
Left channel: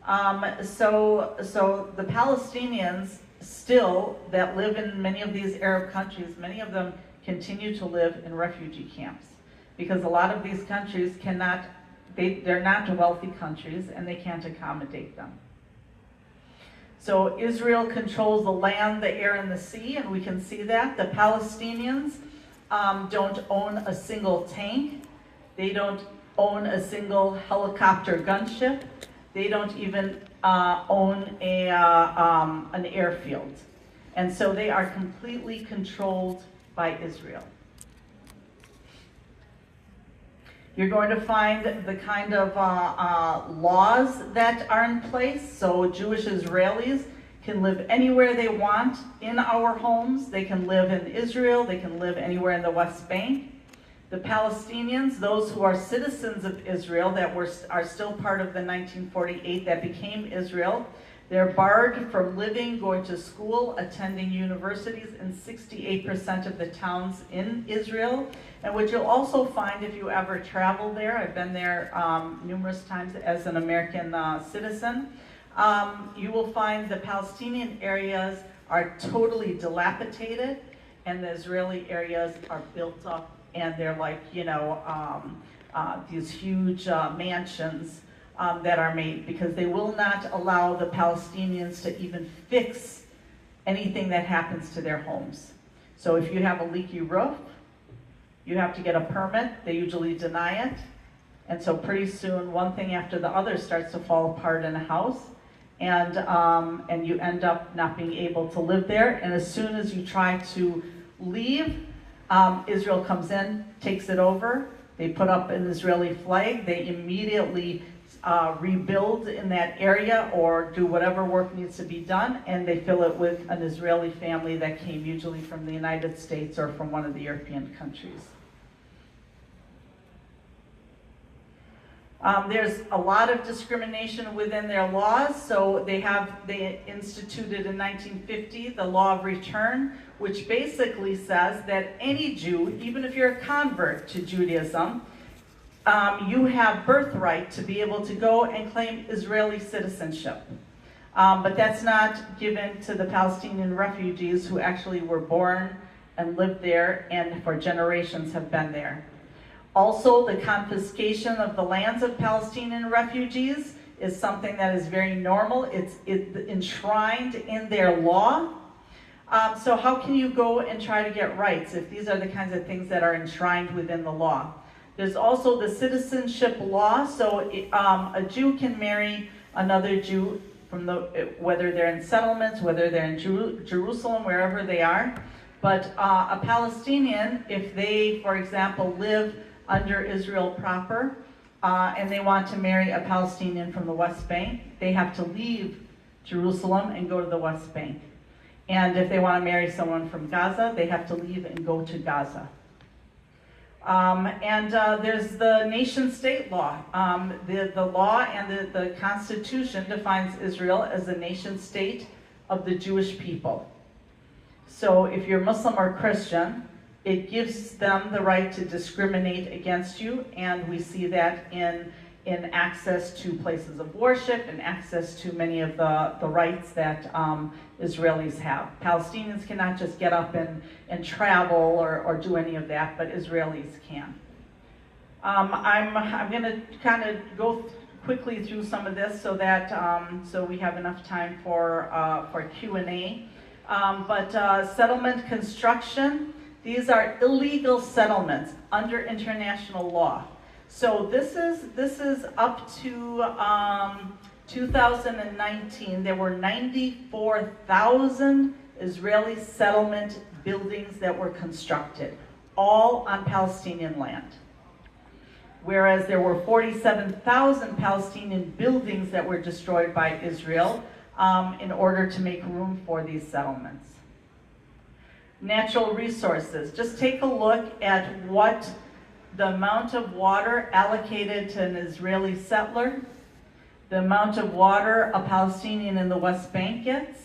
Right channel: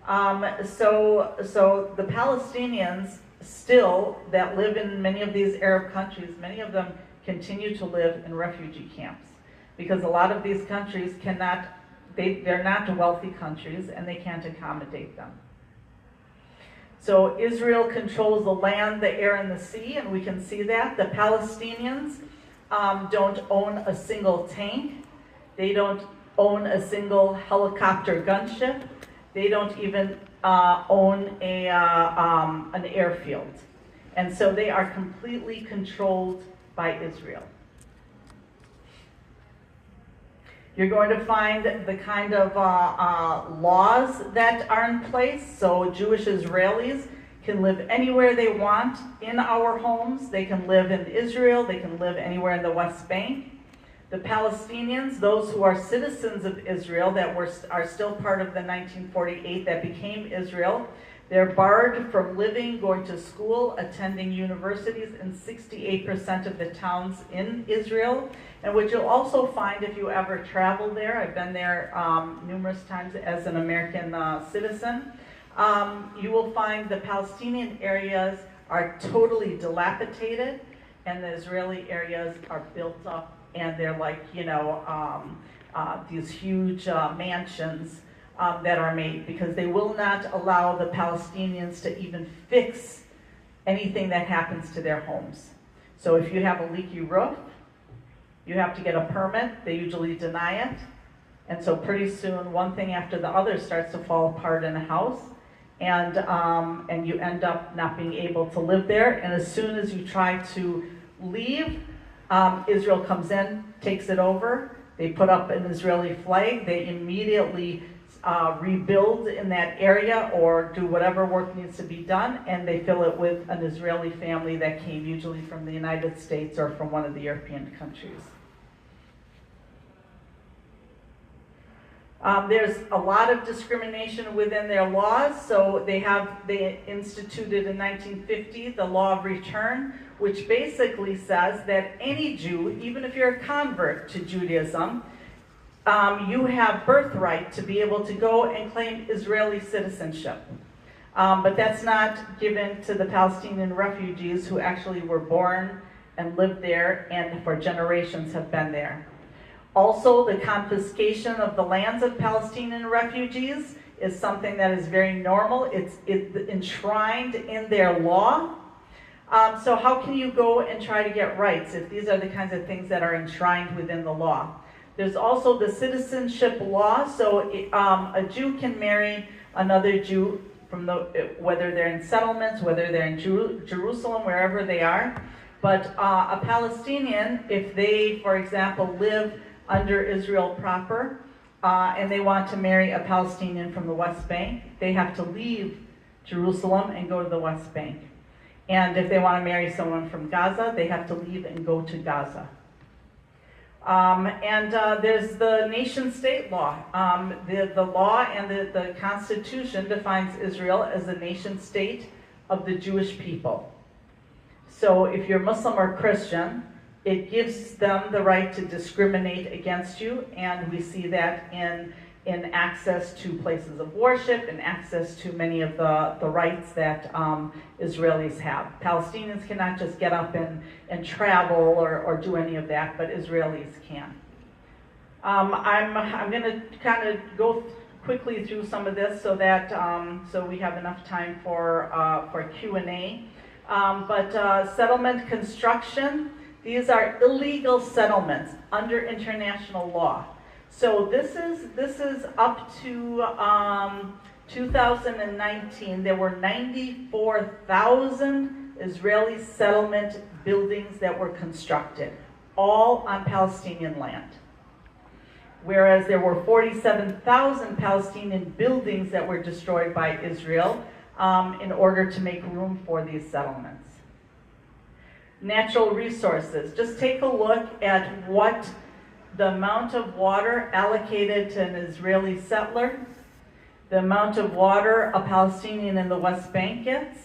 So the Palestinians still that live in many of these Arab countries, many of them continue to live in refugee camps, because a lot of these countries cannot, they're not wealthy countries, and they can't accommodate them. So Israel controls the land, the air, and the sea, and we can see that. The Palestinians don't own a single tank. They don't own a single helicopter gunship. They don't even own an airfield. And so they are completely controlled by Israel. You're going to find the kind of laws that are in place. So Jewish Israelis can live anywhere they want in our homes. They can live in Israel. They can live anywhere in the West Bank. The Palestinians, those who are citizens of Israel that are still part of the 1948 that became Israel, they're barred from living, going to school, attending universities in 68% of the towns in Israel. And what you'll also find if you ever travel there, I've been there numerous times as an American citizen, you will find the Palestinian areas are totally dilapidated, and the Israeli areas are built up, and they're like, you know, these huge mansions that are made, because they will not allow the Palestinians to even fix anything that happens to their homes. So if you have a leaky roof, you have to get a permit. They usually deny it. And so pretty soon, one thing after the other starts to fall apart in a house, and you end up not being able to live there. And as soon as you try to leave, Israel comes in, takes it over. They put up an Israeli flag. They immediately rebuild in that area or do whatever work needs to be done, and they fill it with an Israeli family that came usually from the United States or from one of the European countries. There's a lot of discrimination within their laws. So they instituted in 1950 the law of return, which basically says that any Jew, even if you're a convert to Judaism, you have birthright to be able to go and claim Israeli citizenship. But that's not given to the Palestinian refugees who actually were born and lived there and for generations have been there. Also, the confiscation of the lands of Palestinian refugees is something that is very normal. It's enshrined in their law. So how can you go and try to get rights if these are the kinds of things that are enshrined within the law? There's also the citizenship law. So a Jew can marry another Jew, whether they're in settlements, whether they're in Jerusalem, wherever they are. But a Palestinian, if they, for example, live under Israel proper, and they want to marry a Palestinian from the West Bank, they have to leave Jerusalem and go to the West Bank. And if they want to marry someone from Gaza, they have to leave and go to Gaza. There's the nation-state law. The law and the Constitution defines Israel as a nation-state of the Jewish people. So if you're Muslim or Christian, it gives them the right to discriminate against you, and we see that in access to places of worship and access to many of the rights that Israelis have. Palestinians cannot just get up and travel or do any of that, but Israelis can. I'm going to kind of go quickly through some of this so that so we have enough time for Q&A. Settlement construction. These are illegal settlements under international law. So this is up to 2019. There were 94,000 Israeli settlement buildings that were constructed, all on Palestinian land. Whereas there were 47,000 Palestinian buildings that were destroyed by Israel in order to make room for these settlements. Natural resources. Just take a look at what the amount of water allocated to an Israeli settler, the amount of water a Palestinian in the West Bank gets,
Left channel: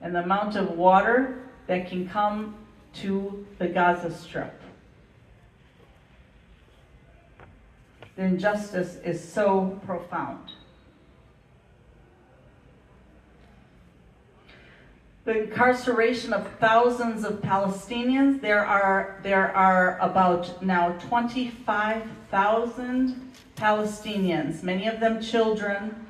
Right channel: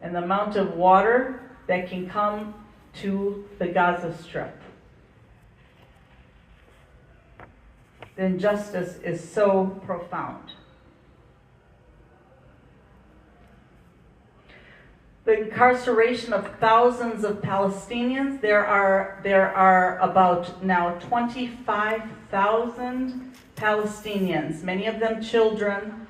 and the amount of water that can come to the Gaza Strip. The injustice is so profound. The incarceration of thousands of Palestinians, there are about now 25,000 Palestinians, many of them children,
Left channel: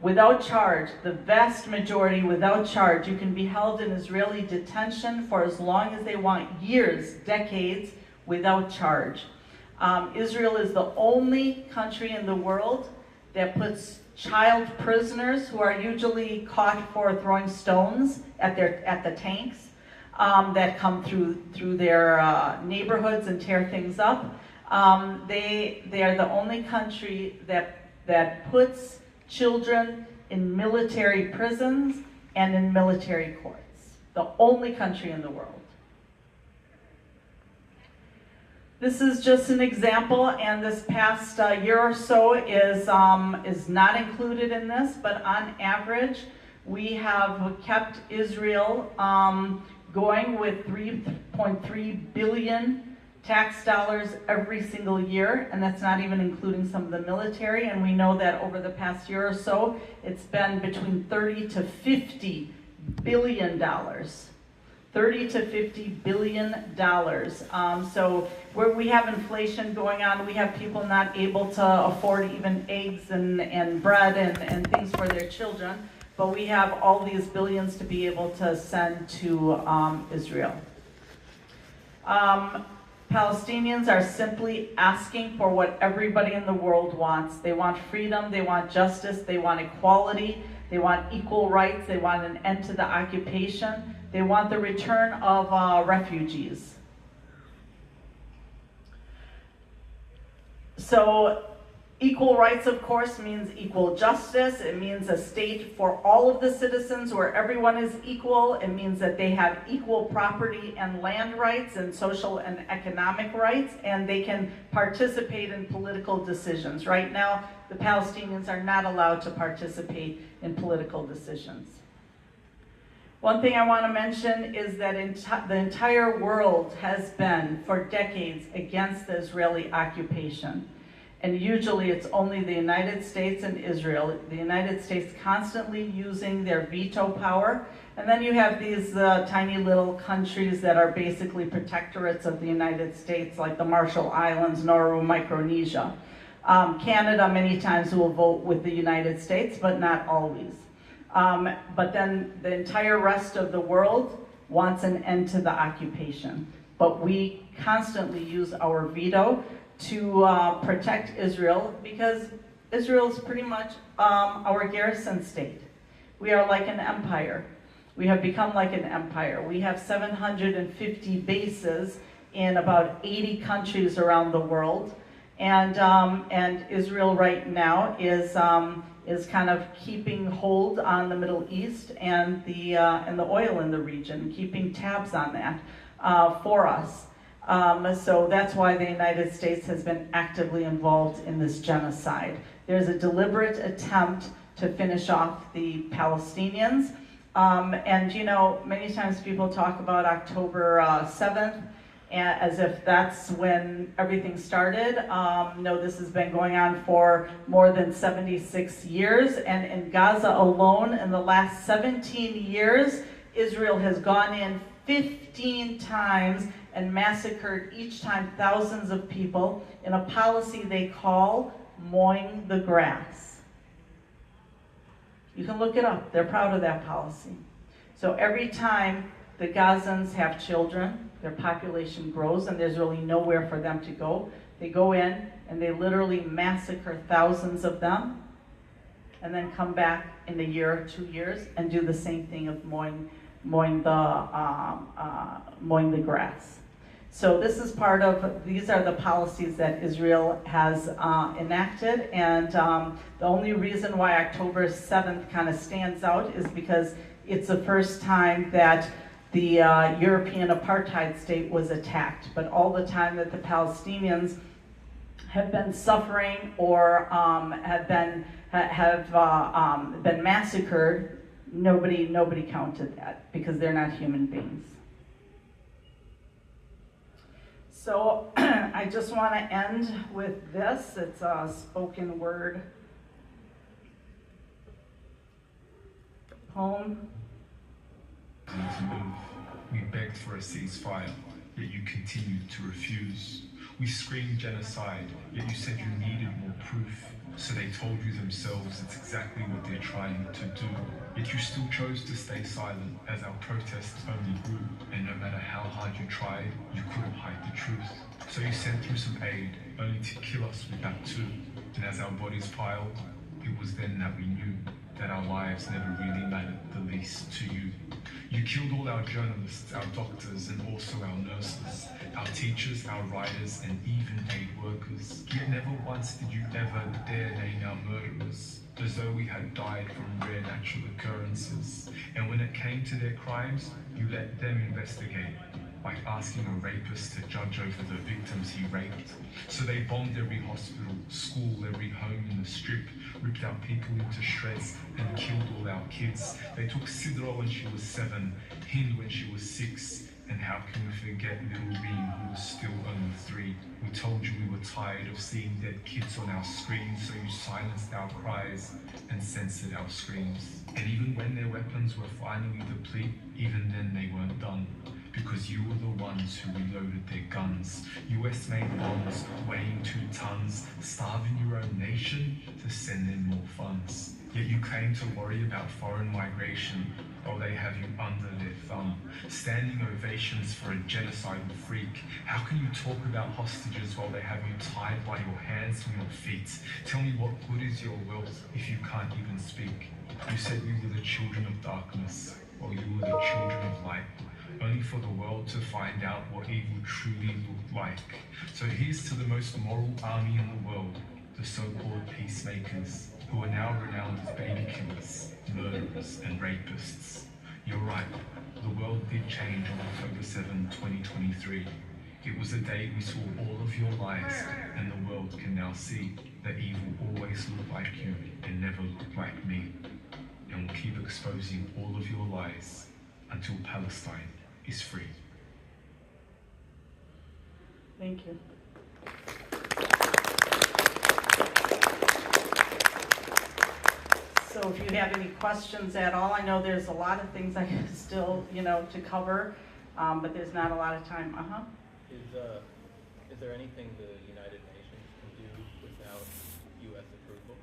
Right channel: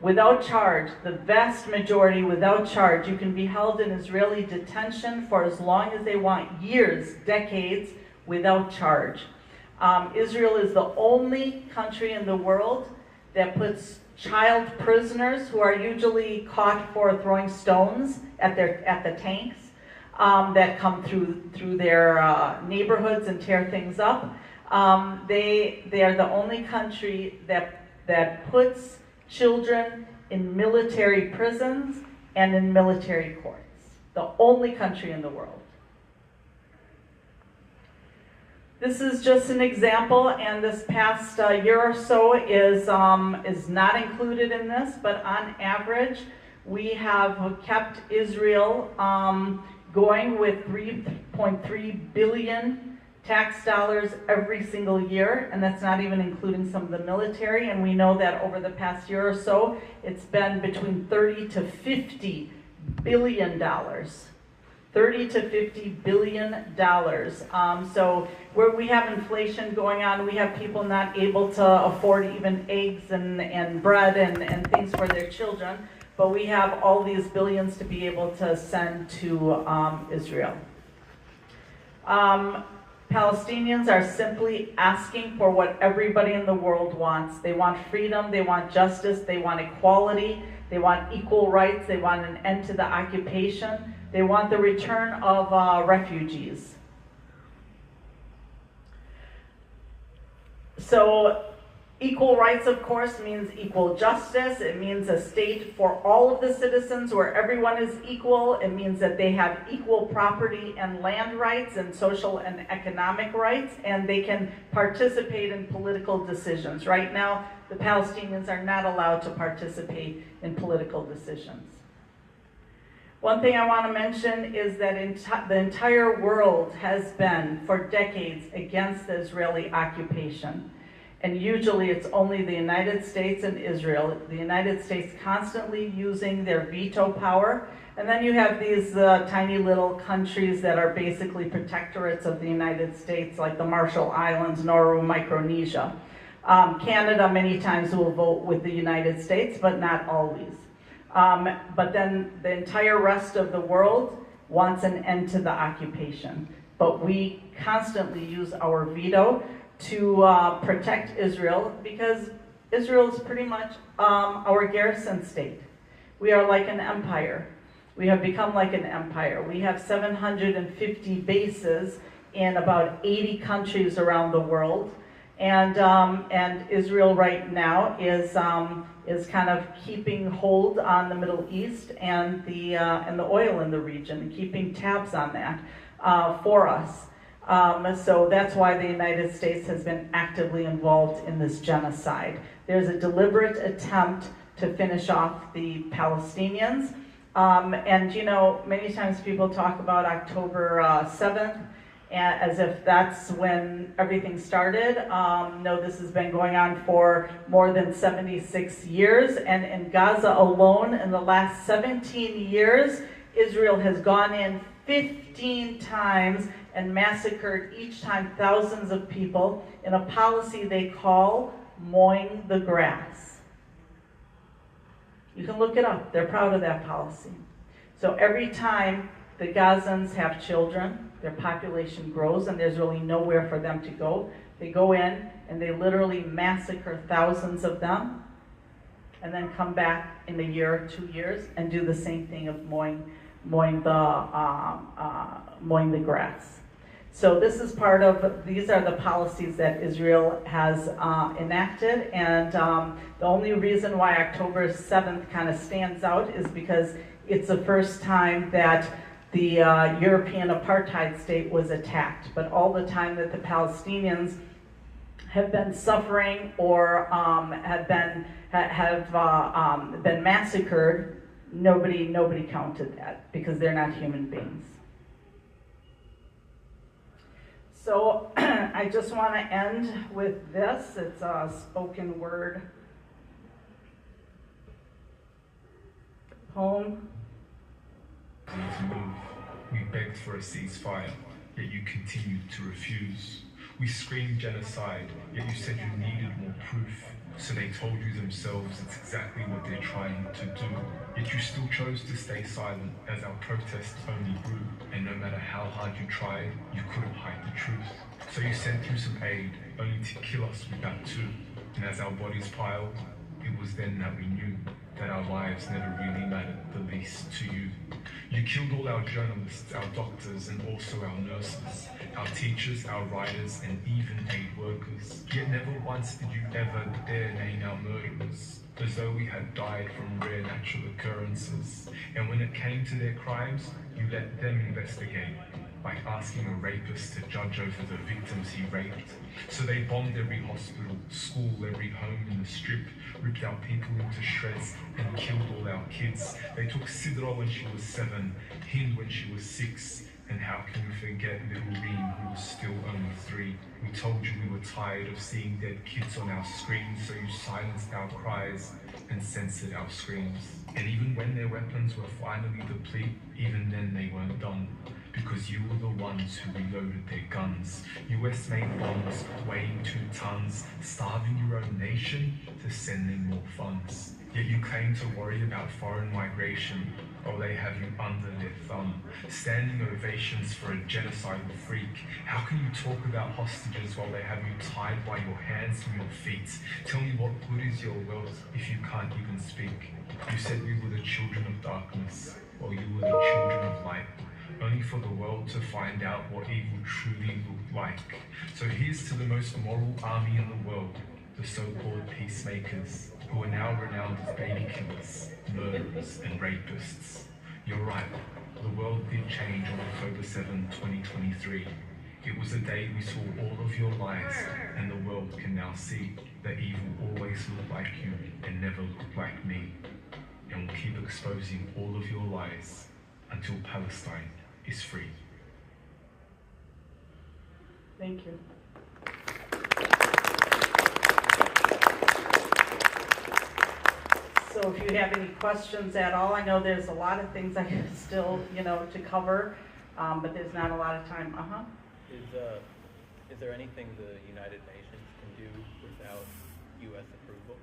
without charge, the vast majority without charge. You can be held in Israeli detention for as long as they want, years, decades, without charge. Israel is the only country in the world that puts child prisoners, who are usually caught for throwing stones at the tanks that come through their neighborhoods and tear things up. They are the only country that puts children in military prisons and in military courts. The only country in the world. This is just an example, and this past year or so is not included in this, but on average, we have kept Israel going with 3.3 billion tax dollars every single year, and that's not even including some of the military, and we know that over the past year or so, it's been between 30 to 50 billion dollars. 30 to 50 billion dollars. So where we have inflation going on, we have people not able to afford even eggs and bread and things for their children, but we have all these billions to be able to send to Israel. Palestinians are simply asking for what everybody in the world wants. They want freedom, they want justice, they want equality, they want equal rights, they want an end to the occupation. They want the return of refugees. So equal rights, of course, means equal justice. It means a state for all of the citizens where everyone is equal. It means that they have equal property and land rights and social and economic rights, and they can participate in political decisions. Right now, the Palestinians are not allowed to participate in political decisions. One thing I want to mention is that the entire world has been, for decades, against the Israeli occupation. And usually it's only the United States and Israel. The United States constantly using their veto power. And then you have these tiny little countries that are basically protectorates of the United States, like the Marshall Islands, Nauru, Micronesia. Canada many times will vote with the United States, but not always. But then the entire rest of the world wants an end to the occupation. But we constantly use our veto to protect Israel, because Israel is pretty much our garrison state. We are like an empire. We have become like an empire. We have 750 bases in about 80 countries around the world. And Israel right now is kind of keeping hold on the Middle East and the oil in the region, keeping tabs on that for us. So that's why the United States has been actively involved in this genocide. There's a deliberate attempt to finish off the Palestinians. And you know, many times people talk about October 7th, as if that's when everything started. No, this has been going on for more than 76 years. And in Gaza alone, in the last 17 years, Israel has gone in 15 times and massacred each time thousands of people in a policy they call mowing the grass. You can look it up. They're proud of that policy. So every time the Gazans have children, their population grows, and there's really nowhere for them to go. They go in and they literally massacre thousands of them, and then come back in a year or 2 years and do the same thing of mowing mowing the grass. So this is part of, these are the policies that Israel has enacted, and the only reason why October 7th kind of stands out is because it's the first time that the European apartheid state was attacked. But all the time that the Palestinians have been suffering or have been massacred, nobody counted that because they're not human beings. So I just want to end with this. It's a spoken word poem. We begged for a ceasefire, yet you continued to refuse. We screamed genocide, yet you said you needed more proof. So they told you themselves it's exactly what they're trying to do. Yet you still chose to stay silent as our protests only grew. And no matter how hard you tried, you couldn't hide the truth. So you sent through some aid, only to kill us with that too. And as our bodies piled, it was then that we knew that our lives never really mattered the least to you. You killed all our journalists, our doctors, and also our nurses, our teachers, our writers, and even aid workers. Yet never once did you ever dare name our murderers, as though we had died from rare natural occurrences. And when it came to their crimes, you let them investigate, like asking a rapist to judge over the victims he raped. So they bombed every hospital, school, every home in the strip, ripped our people into shreds, and killed all our kids. They took Sidra when she was 7, Hind when she was 6, and how can we forget little Reem, who was still only 3? We told you we were tired of seeing dead kids on our screens, so you silenced our cries and censored our screams. And even when their weapons were finally depleted, even then they weren't done. Because you were the ones who reloaded their guns. US-made bombs weighing 2 tons, starving your own nation to send them more funds. Yet you claim to worry about foreign migration, while they have you under their thumb. Standing ovations for a genocidal freak. How can you talk about hostages while they have you tied by your hands from your feet? Tell me, what good is your wealth if you can't even speak? You said we were the children of darkness, while you were the children of light. Only for the world to find out what evil truly looked like. So here's to the most moral army in the world, the so-called peacemakers, who are now renowned as baby killers, murderers, and rapists. You're right, the world did change on October 7, 2023. It was a day we saw all of your lies, and the world can now see that evil always looked like you and never looked like me. And we'll keep exposing all of your lies until Palestine is free. Thank you. So if you have any questions at all, I know there's a lot of things I still, to cover, but there's not a lot of time. Is there anything the United Nations can do without U.S. approval?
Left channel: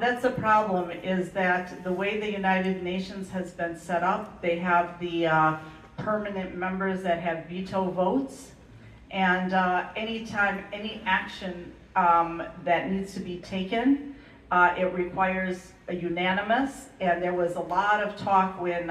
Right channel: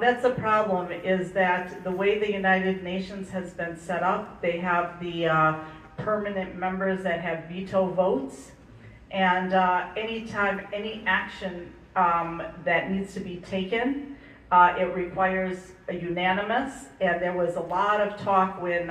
That's a problem, is that the way the United Nations has been set up, they have the permanent members that have veto votes, and anytime any action that needs to be taken, it requires a unanimous, and there was a lot of talk when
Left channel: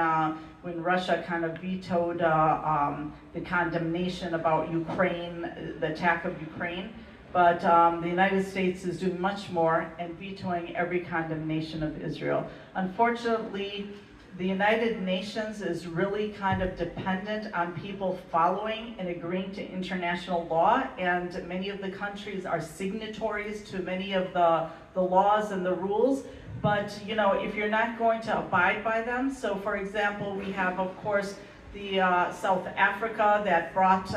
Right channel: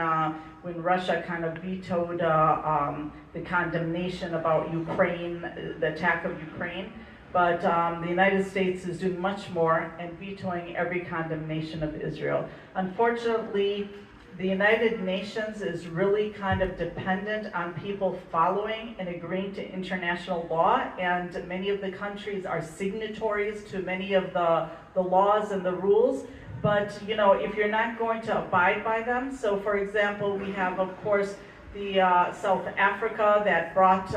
Russia kind of vetoed the condemnation about Ukraine, the attack of Ukraine. But the United States is doing much more and vetoing every condemnation of Israel. Unfortunately, the United Nations is really kind of dependent on people following and agreeing to international law, and many of the countries are signatories to many of the laws and the rules. But if you're not going to abide by them, so for example, we have, of course, the South Africa that brought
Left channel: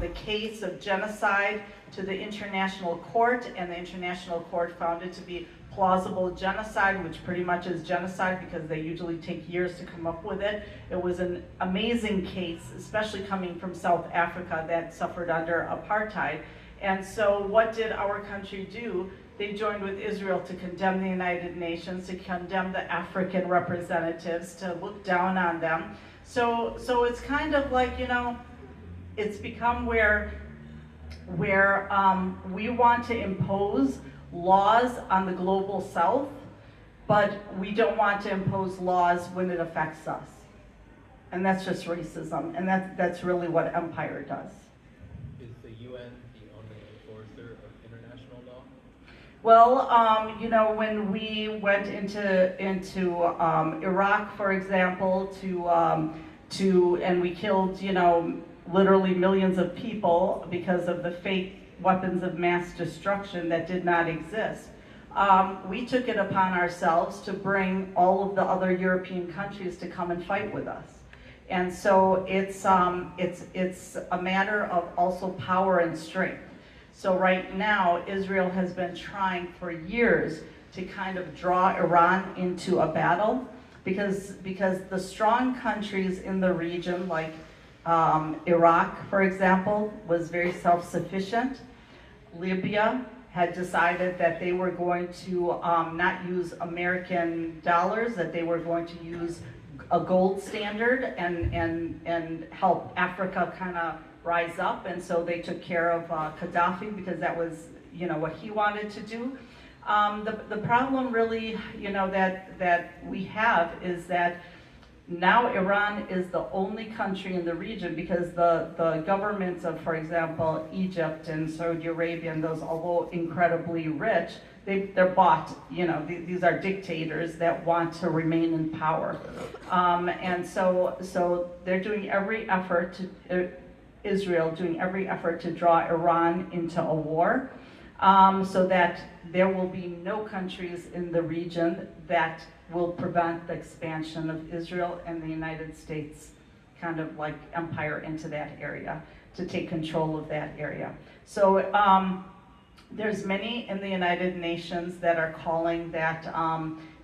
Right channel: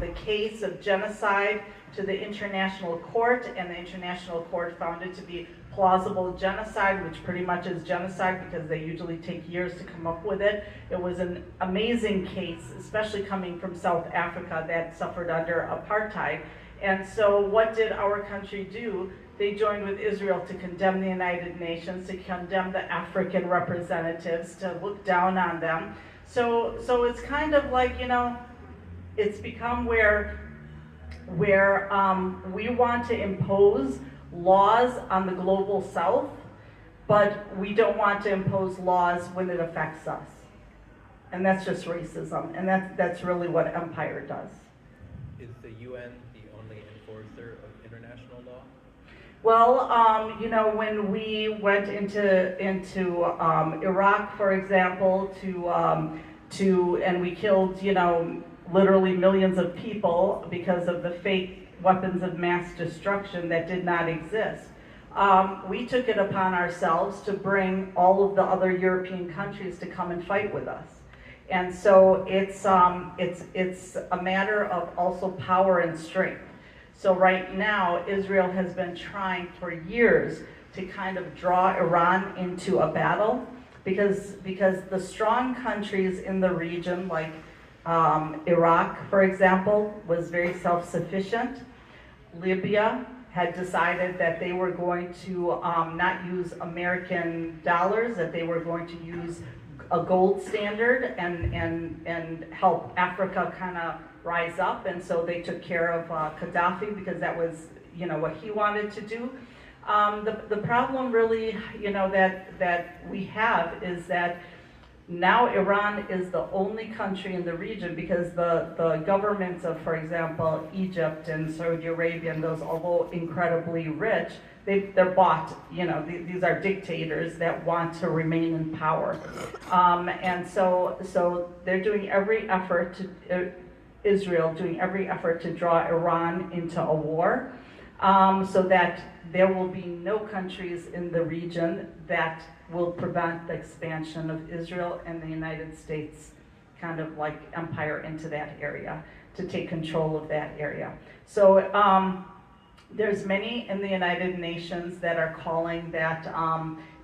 the case of genocide to the International Court, and the International Court found it to be plausible genocide, which pretty much is genocide because they usually take years to come up with it. It was an amazing case, especially coming from South Africa that suffered under apartheid. And so what did our country do? They joined with Israel to condemn the United Nations, to condemn the African representatives, to look down on them. So it's kind of like, it's become where we want to impose laws on the global south, but we don't want to impose laws when it affects us. And that's just racism, and that's really what empire does. Is the UN the only enforcer of international law? Well, you know, when we went into Iraq, for example, and we killed, you know, literally millions of people because of the fake weapons of mass destruction that did not exist. We took it upon ourselves to bring all of the other European countries to come and fight with us. And so it's a matter of also power and strength. So right now, Israel has been trying for years to kind of draw Iran into a battle because the strong countries in the region, like Iraq, for example, was very self-sufficient. Libya had decided that they were going to not use American dollars, that they were going to use a gold standard and help Africa kind of rise up, and so they took care of Gaddafi because that was, you know, what he wanted to do. The problem really, you know, that we have is that now Iran is the only country in the region because the governments of, for example, Egypt and Saudi Arabia and those, although incredibly rich, they're bought, you know, these are dictators that want to remain in power. And so they're doing every effort to, Israel doing every effort to draw Iran into a war, so that there will be no countries in the region that will prevent the expansion of Israel and the United States kind of like empire into that area, to take control of that area. So there's many in the United Nations that are calling that,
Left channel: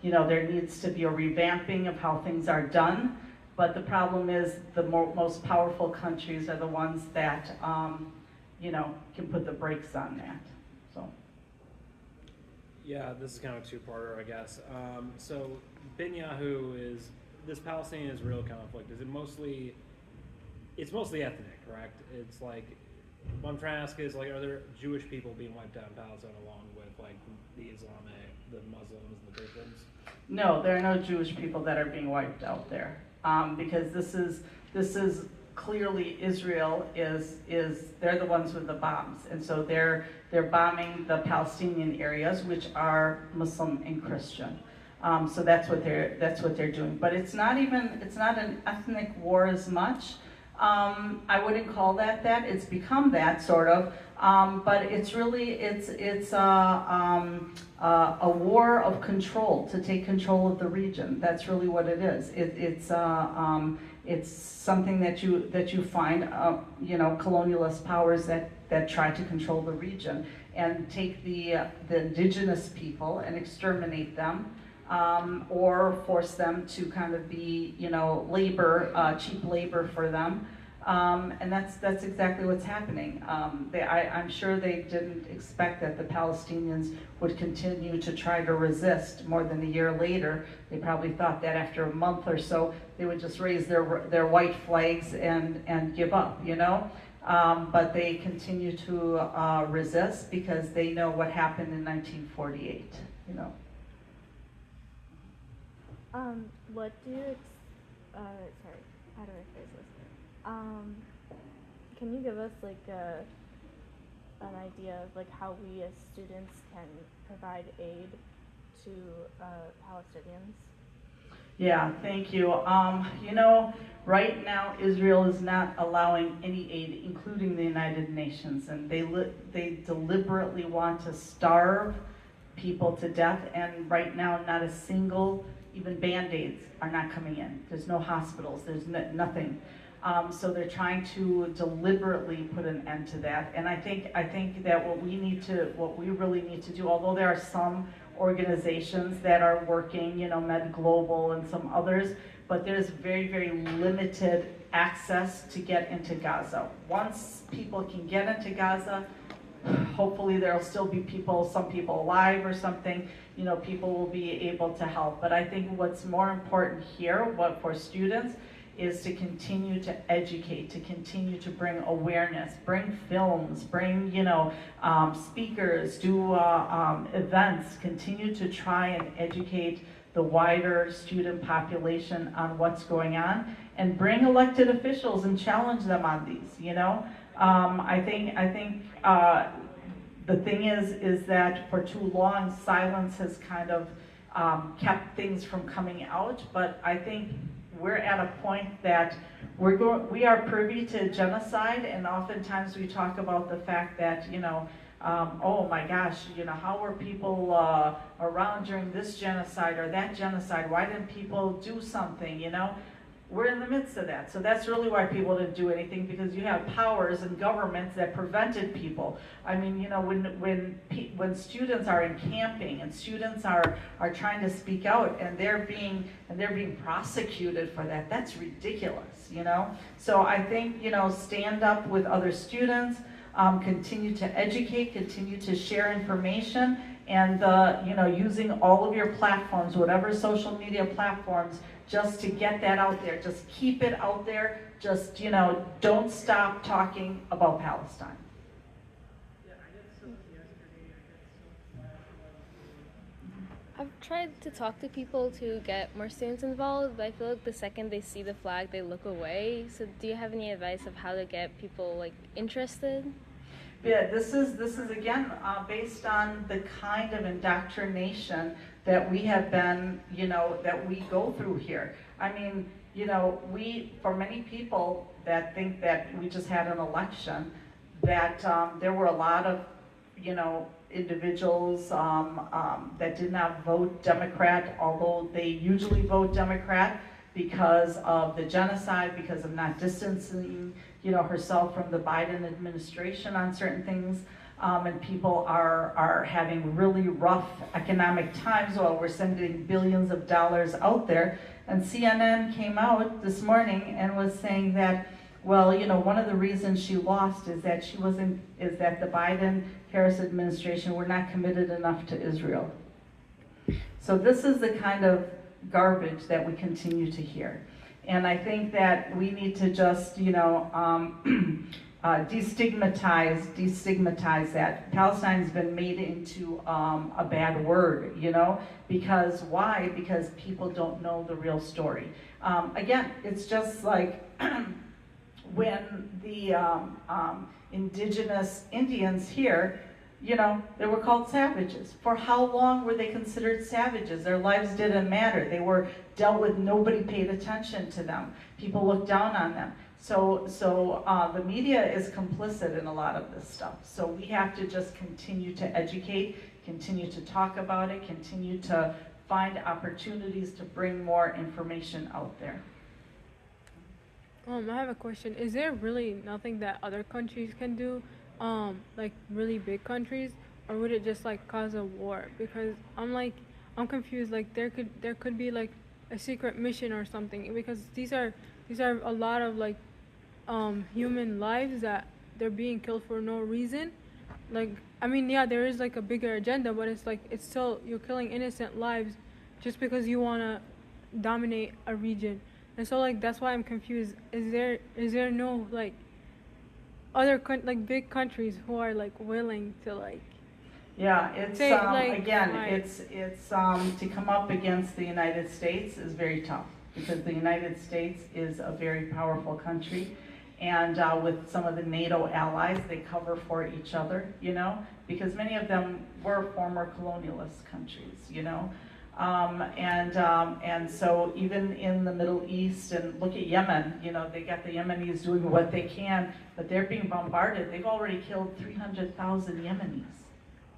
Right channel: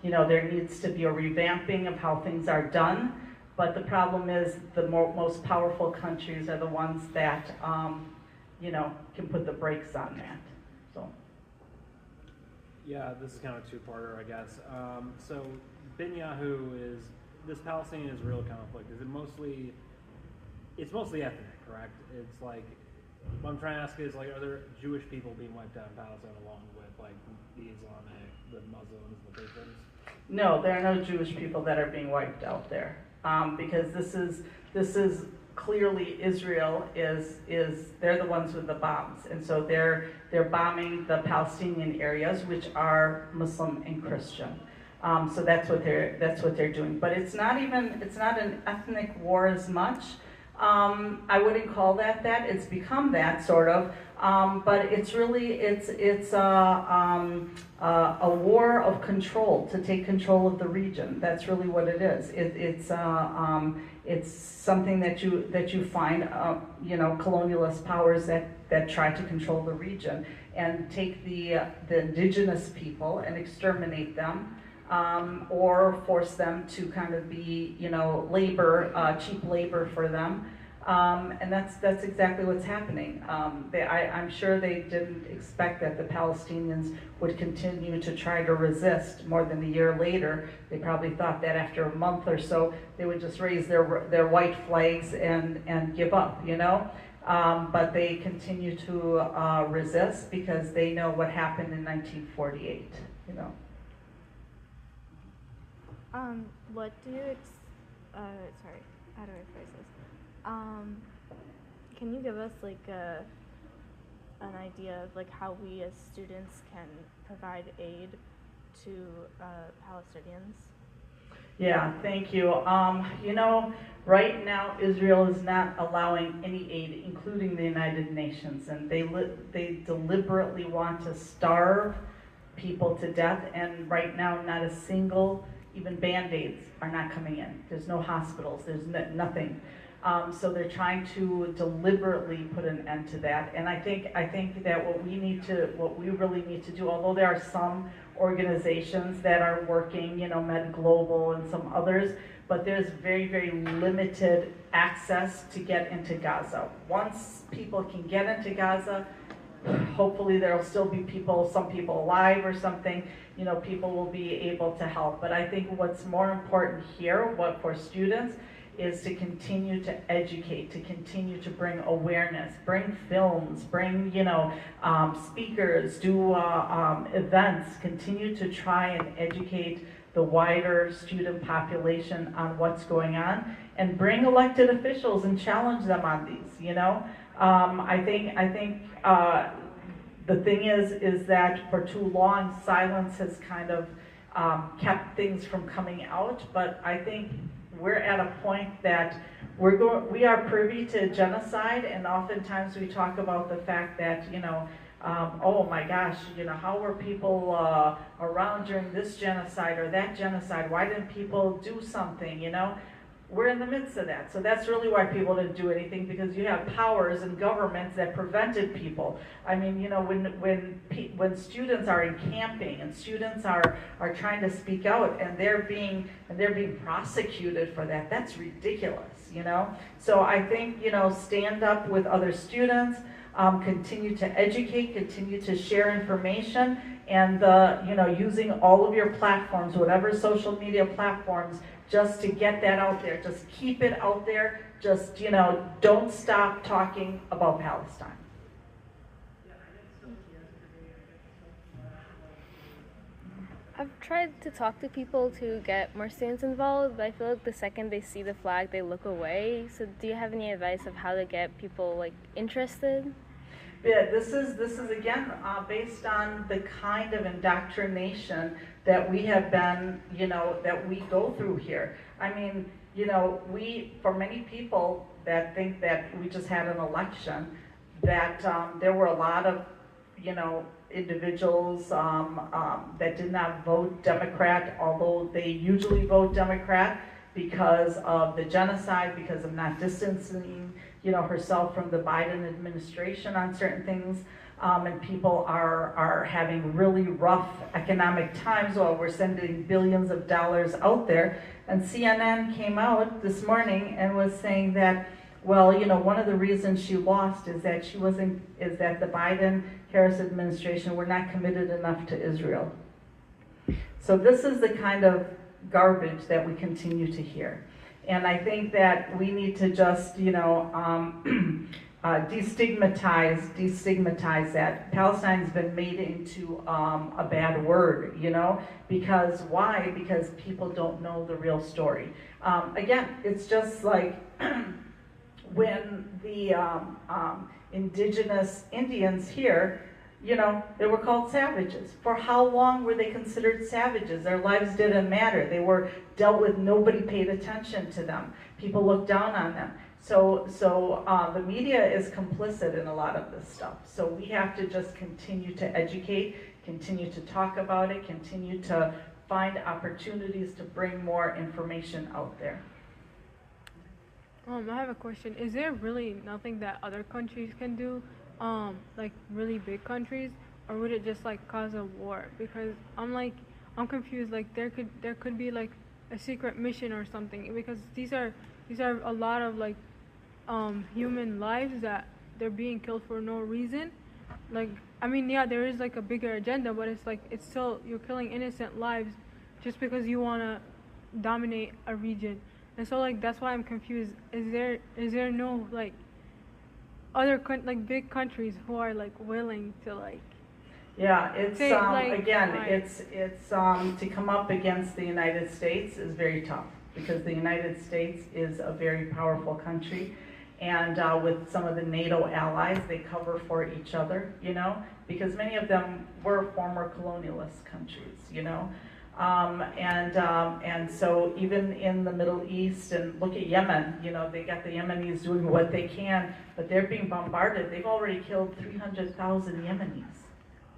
you know, there needs to be a revamping of how things are done. But the problem is the most powerful countries are the ones that, you know, can put the brakes on that. So. Yeah, this is kind of a two-parter, I guess. So Netanyahu is, this Palestinian-Israel conflict, is it mostly, it's mostly ethnic, correct? It's like, what I'm trying to ask is, like, are there Jewish people being wiped out in Palestine along with, like, the Islamic, the Muslims, the Christians? No, there are no Jewish people that are being wiped out there, because this is clearly Israel is they're the ones with the bombs, and so they're bombing the Palestinian areas, which are Muslim and Christian. So that's what they're doing. But it's not an ethnic war as much. I wouldn't call that. It's become that sort of, but it's really it's a war of control, to take control of the region. That's really what it is. It's something that you find, you know, colonialist powers that try to control the region and take the indigenous people and exterminate them. Or force them to kind of be, you know, cheap labor for them, and that's exactly what's happening. I'm sure they didn't expect that the Palestinians would continue to try to resist more than a year later. They probably thought that after a month or so they would just raise their white flags and give up, you know. But they continue to resist because they know what happened in 1948, you know. What do you, sorry, how do I phrase this? Can you give us like an idea of like how we as students can provide aid to Palestinians? Yeah, thank you. You know, right now Israel is not allowing any aid, including the United Nations, and they deliberately want to starve people to death, and right now not a single, even Band-Aids are not coming in. There's no hospitals, there's nothing. So they're trying to deliberately put an end to that. And I think that what we really need to do, although there are some organizations that are working, you know, Med Global and some others, but there's very, very limited access to get into Gaza. Once people can get into Gaza, hopefully there'll still be some people alive or something, you know, people will be able to help. But I think what's more important here, for students, is to continue to educate, to continue to bring awareness, bring films, bring, you know, speakers, do events, continue to try and educate the wider student population on what's going on, and bring elected officials and challenge them on these, you know? I think the thing is that for too long, silence has kind of kept things from coming out, but I think we're at a point that we are privy to genocide, and oftentimes we talk about the fact that, you know, oh my gosh, you know, how were people around during this genocide or that genocide? Why didn't people do something, you know? We're in the midst of that. So that's really why people didn't do anything, because you have powers and governments that prevented people. I mean, you know, when students are encamping and students are trying to speak out and they're being prosecuted for that, that's ridiculous, you know? So I think, you know, stand up with other students, continue to educate, continue to share information, and you know, using all of your platforms, whatever social media platforms, just to get that out there. Just keep it out there. Just, you know, don't stop talking about Palestine. I've tried to talk to people to get more students involved, but I feel like the second they see the flag, they look away. So do you have any advice of how to get people like interested? Yeah, this is again based on the kind of indoctrination that we have been, you know, that we go through here. I mean, you know, for many people that think that we just had an election, that there were a lot of, you know, individuals that did not vote Democrat, although they usually vote Democrat because of the genocide, because of not distancing, you know, herself from the Biden administration on certain things, and people are having really rough economic times while we're sending billions of dollars out there. And CNN came out this morning and was saying that, well, you know, one of the reasons she lost is that the Biden-Harris administration were not committed enough to Israel. So this is the kind of garbage that we continue to hear. And I think that we need to just, you know, destigmatize that. Palestine's been made into a bad word, you know, because why? Because people don't know the real story. Again, it's just like when the indigenous Indians here, you know, they were called savages. For how long were they considered savages? Their lives didn't matter. They were dealt with, nobody paid attention to them. People looked down on them. So the media is complicit in a lot of this stuff. So we have to just continue to educate, continue to talk about it, continue to find opportunities to bring more information out there. I have a question. Is there really nothing that other countries can do, like really big countries, or would it just like cause a war? Because I'm confused. Like there could be like a secret mission or something, because these are a lot of like human lives that they're being killed for no reason. Like, I mean, yeah, there is like a bigger agenda, but it's like it's still, you're killing innocent lives just because you want to dominate a region. And so like that's why I'm confused. Is there no like other like big countries who are like willing to like? Yeah, it's say, like, again, like, it's to come up against the United States is very tough, because the United States is a very powerful country, and with some of the NATO allies, they cover for each other, you know, because many of them were former colonialist countries, you know. And so even in the Middle East, and look at Yemen, you know, they got the Yemenis doing what they can, but they're being bombarded. They've already killed 300,000 Yemenis.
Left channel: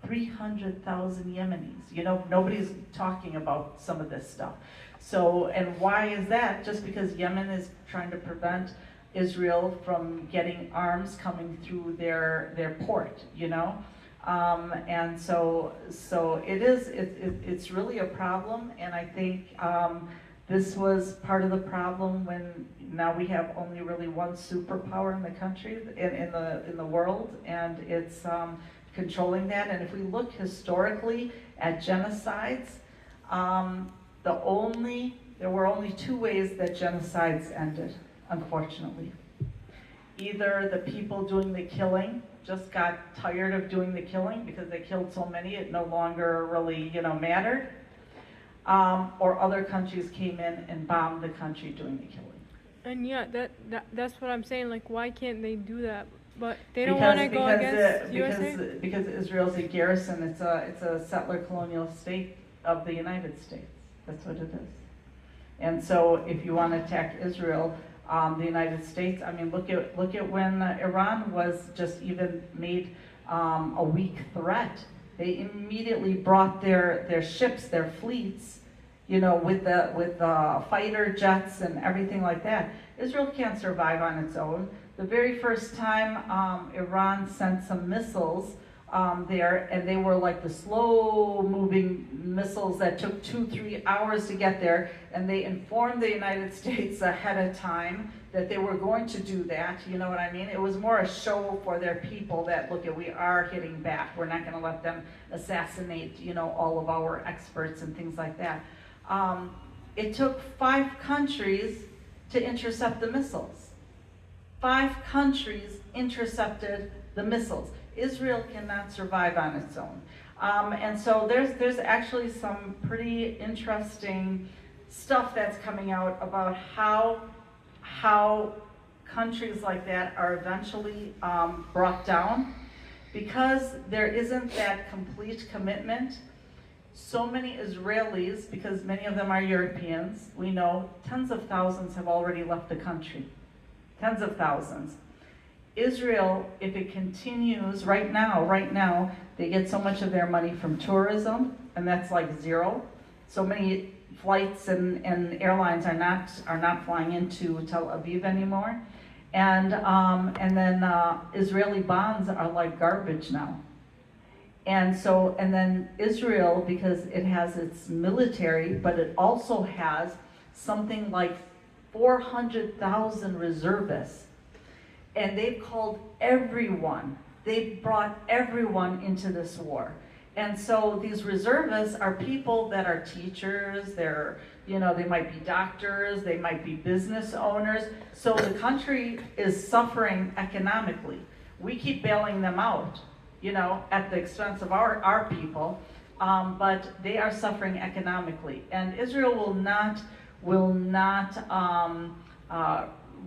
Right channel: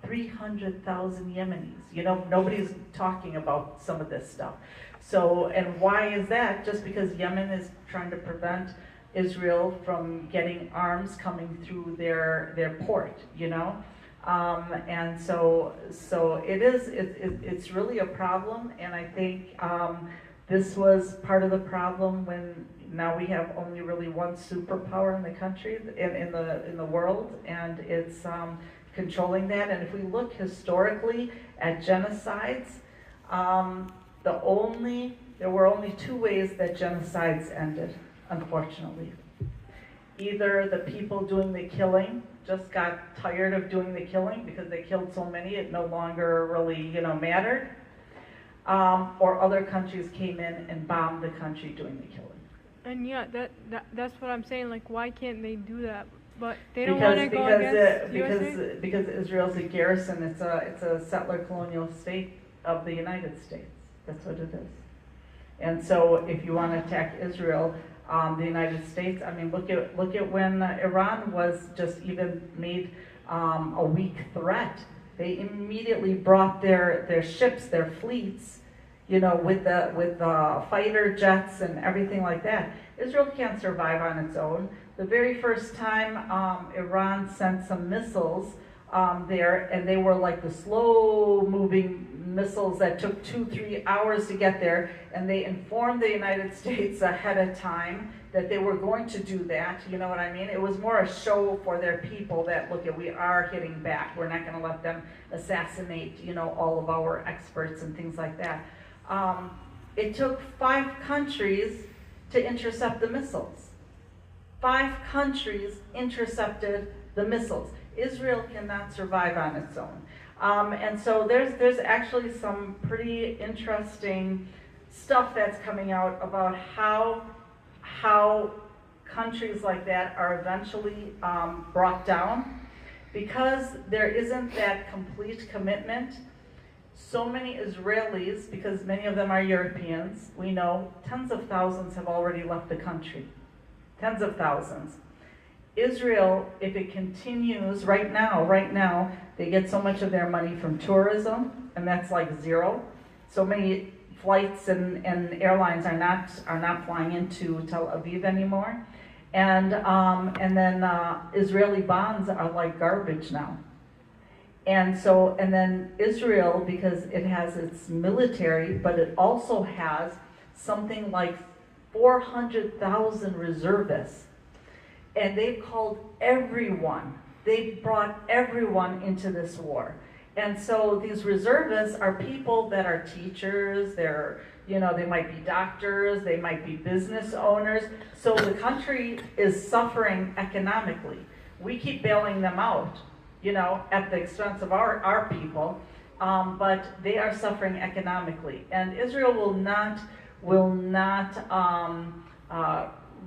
300,000 Yemenis. You know, nobody's talking about some of this stuff. So, and why is that? Just because Yemen is trying to prevent Israel from getting arms coming through their port, you know? And so it's really a problem, and I think this was part of the problem when now we have only really one superpower in the country, in the world, and it's controlling that. And if we look historically at genocides, there were only two ways that genocides ended, unfortunately. Either the people doing the killing just got tired of doing the killing because they killed so many it no longer really, you know, mattered, or other countries came in and bombed the country doing the killing. And yeah, that's what I'm saying. Like, why can't they do that? But they don't want to go against USA. Because Israel's a garrison. It's a settler colonial state of the United States. That's what it is. And so, if you want to attack Israel, the United States. I mean, look at when Iran was just even made a weak threat. They immediately brought their ships, their fleets, with the fighter jets and everything like that. Israel can't survive on its own. The very first time Iran sent some missiles there, and they were like the slow-moving missiles that took 2-3 hours to get there, and they informed the United States ahead of time that they were going to do that. You know what I mean? It was more a show for their people that, look, we are hitting back. We're not going to let them assassinate, all of our experts and things like that. It took 5 countries to intercept the missiles. 5 countries intercepted the missiles. Israel cannot survive on its own. And so there's actually some pretty interesting stuff that's coming out about how countries like that are eventually brought down, because there isn't that complete commitment. So many Israelis, because many of them are Europeans, we know tens of thousands have already left the country. Tens of thousands. Israel, if it continues right now, they get so much of their money from tourism, and that's like zero. So many flights and airlines are not flying into Tel Aviv anymore, and then Israeli bonds are like garbage now. And then Israel, because it has its military, but it also has something like 400,000 reservists. And they've called everyone. They've brought everyone into this war. And so these reservists are people that are teachers, they might be doctors, they might be business owners. So the country is suffering economically. We keep bailing them out, at the expense of our people, but they are suffering economically. And Israel will not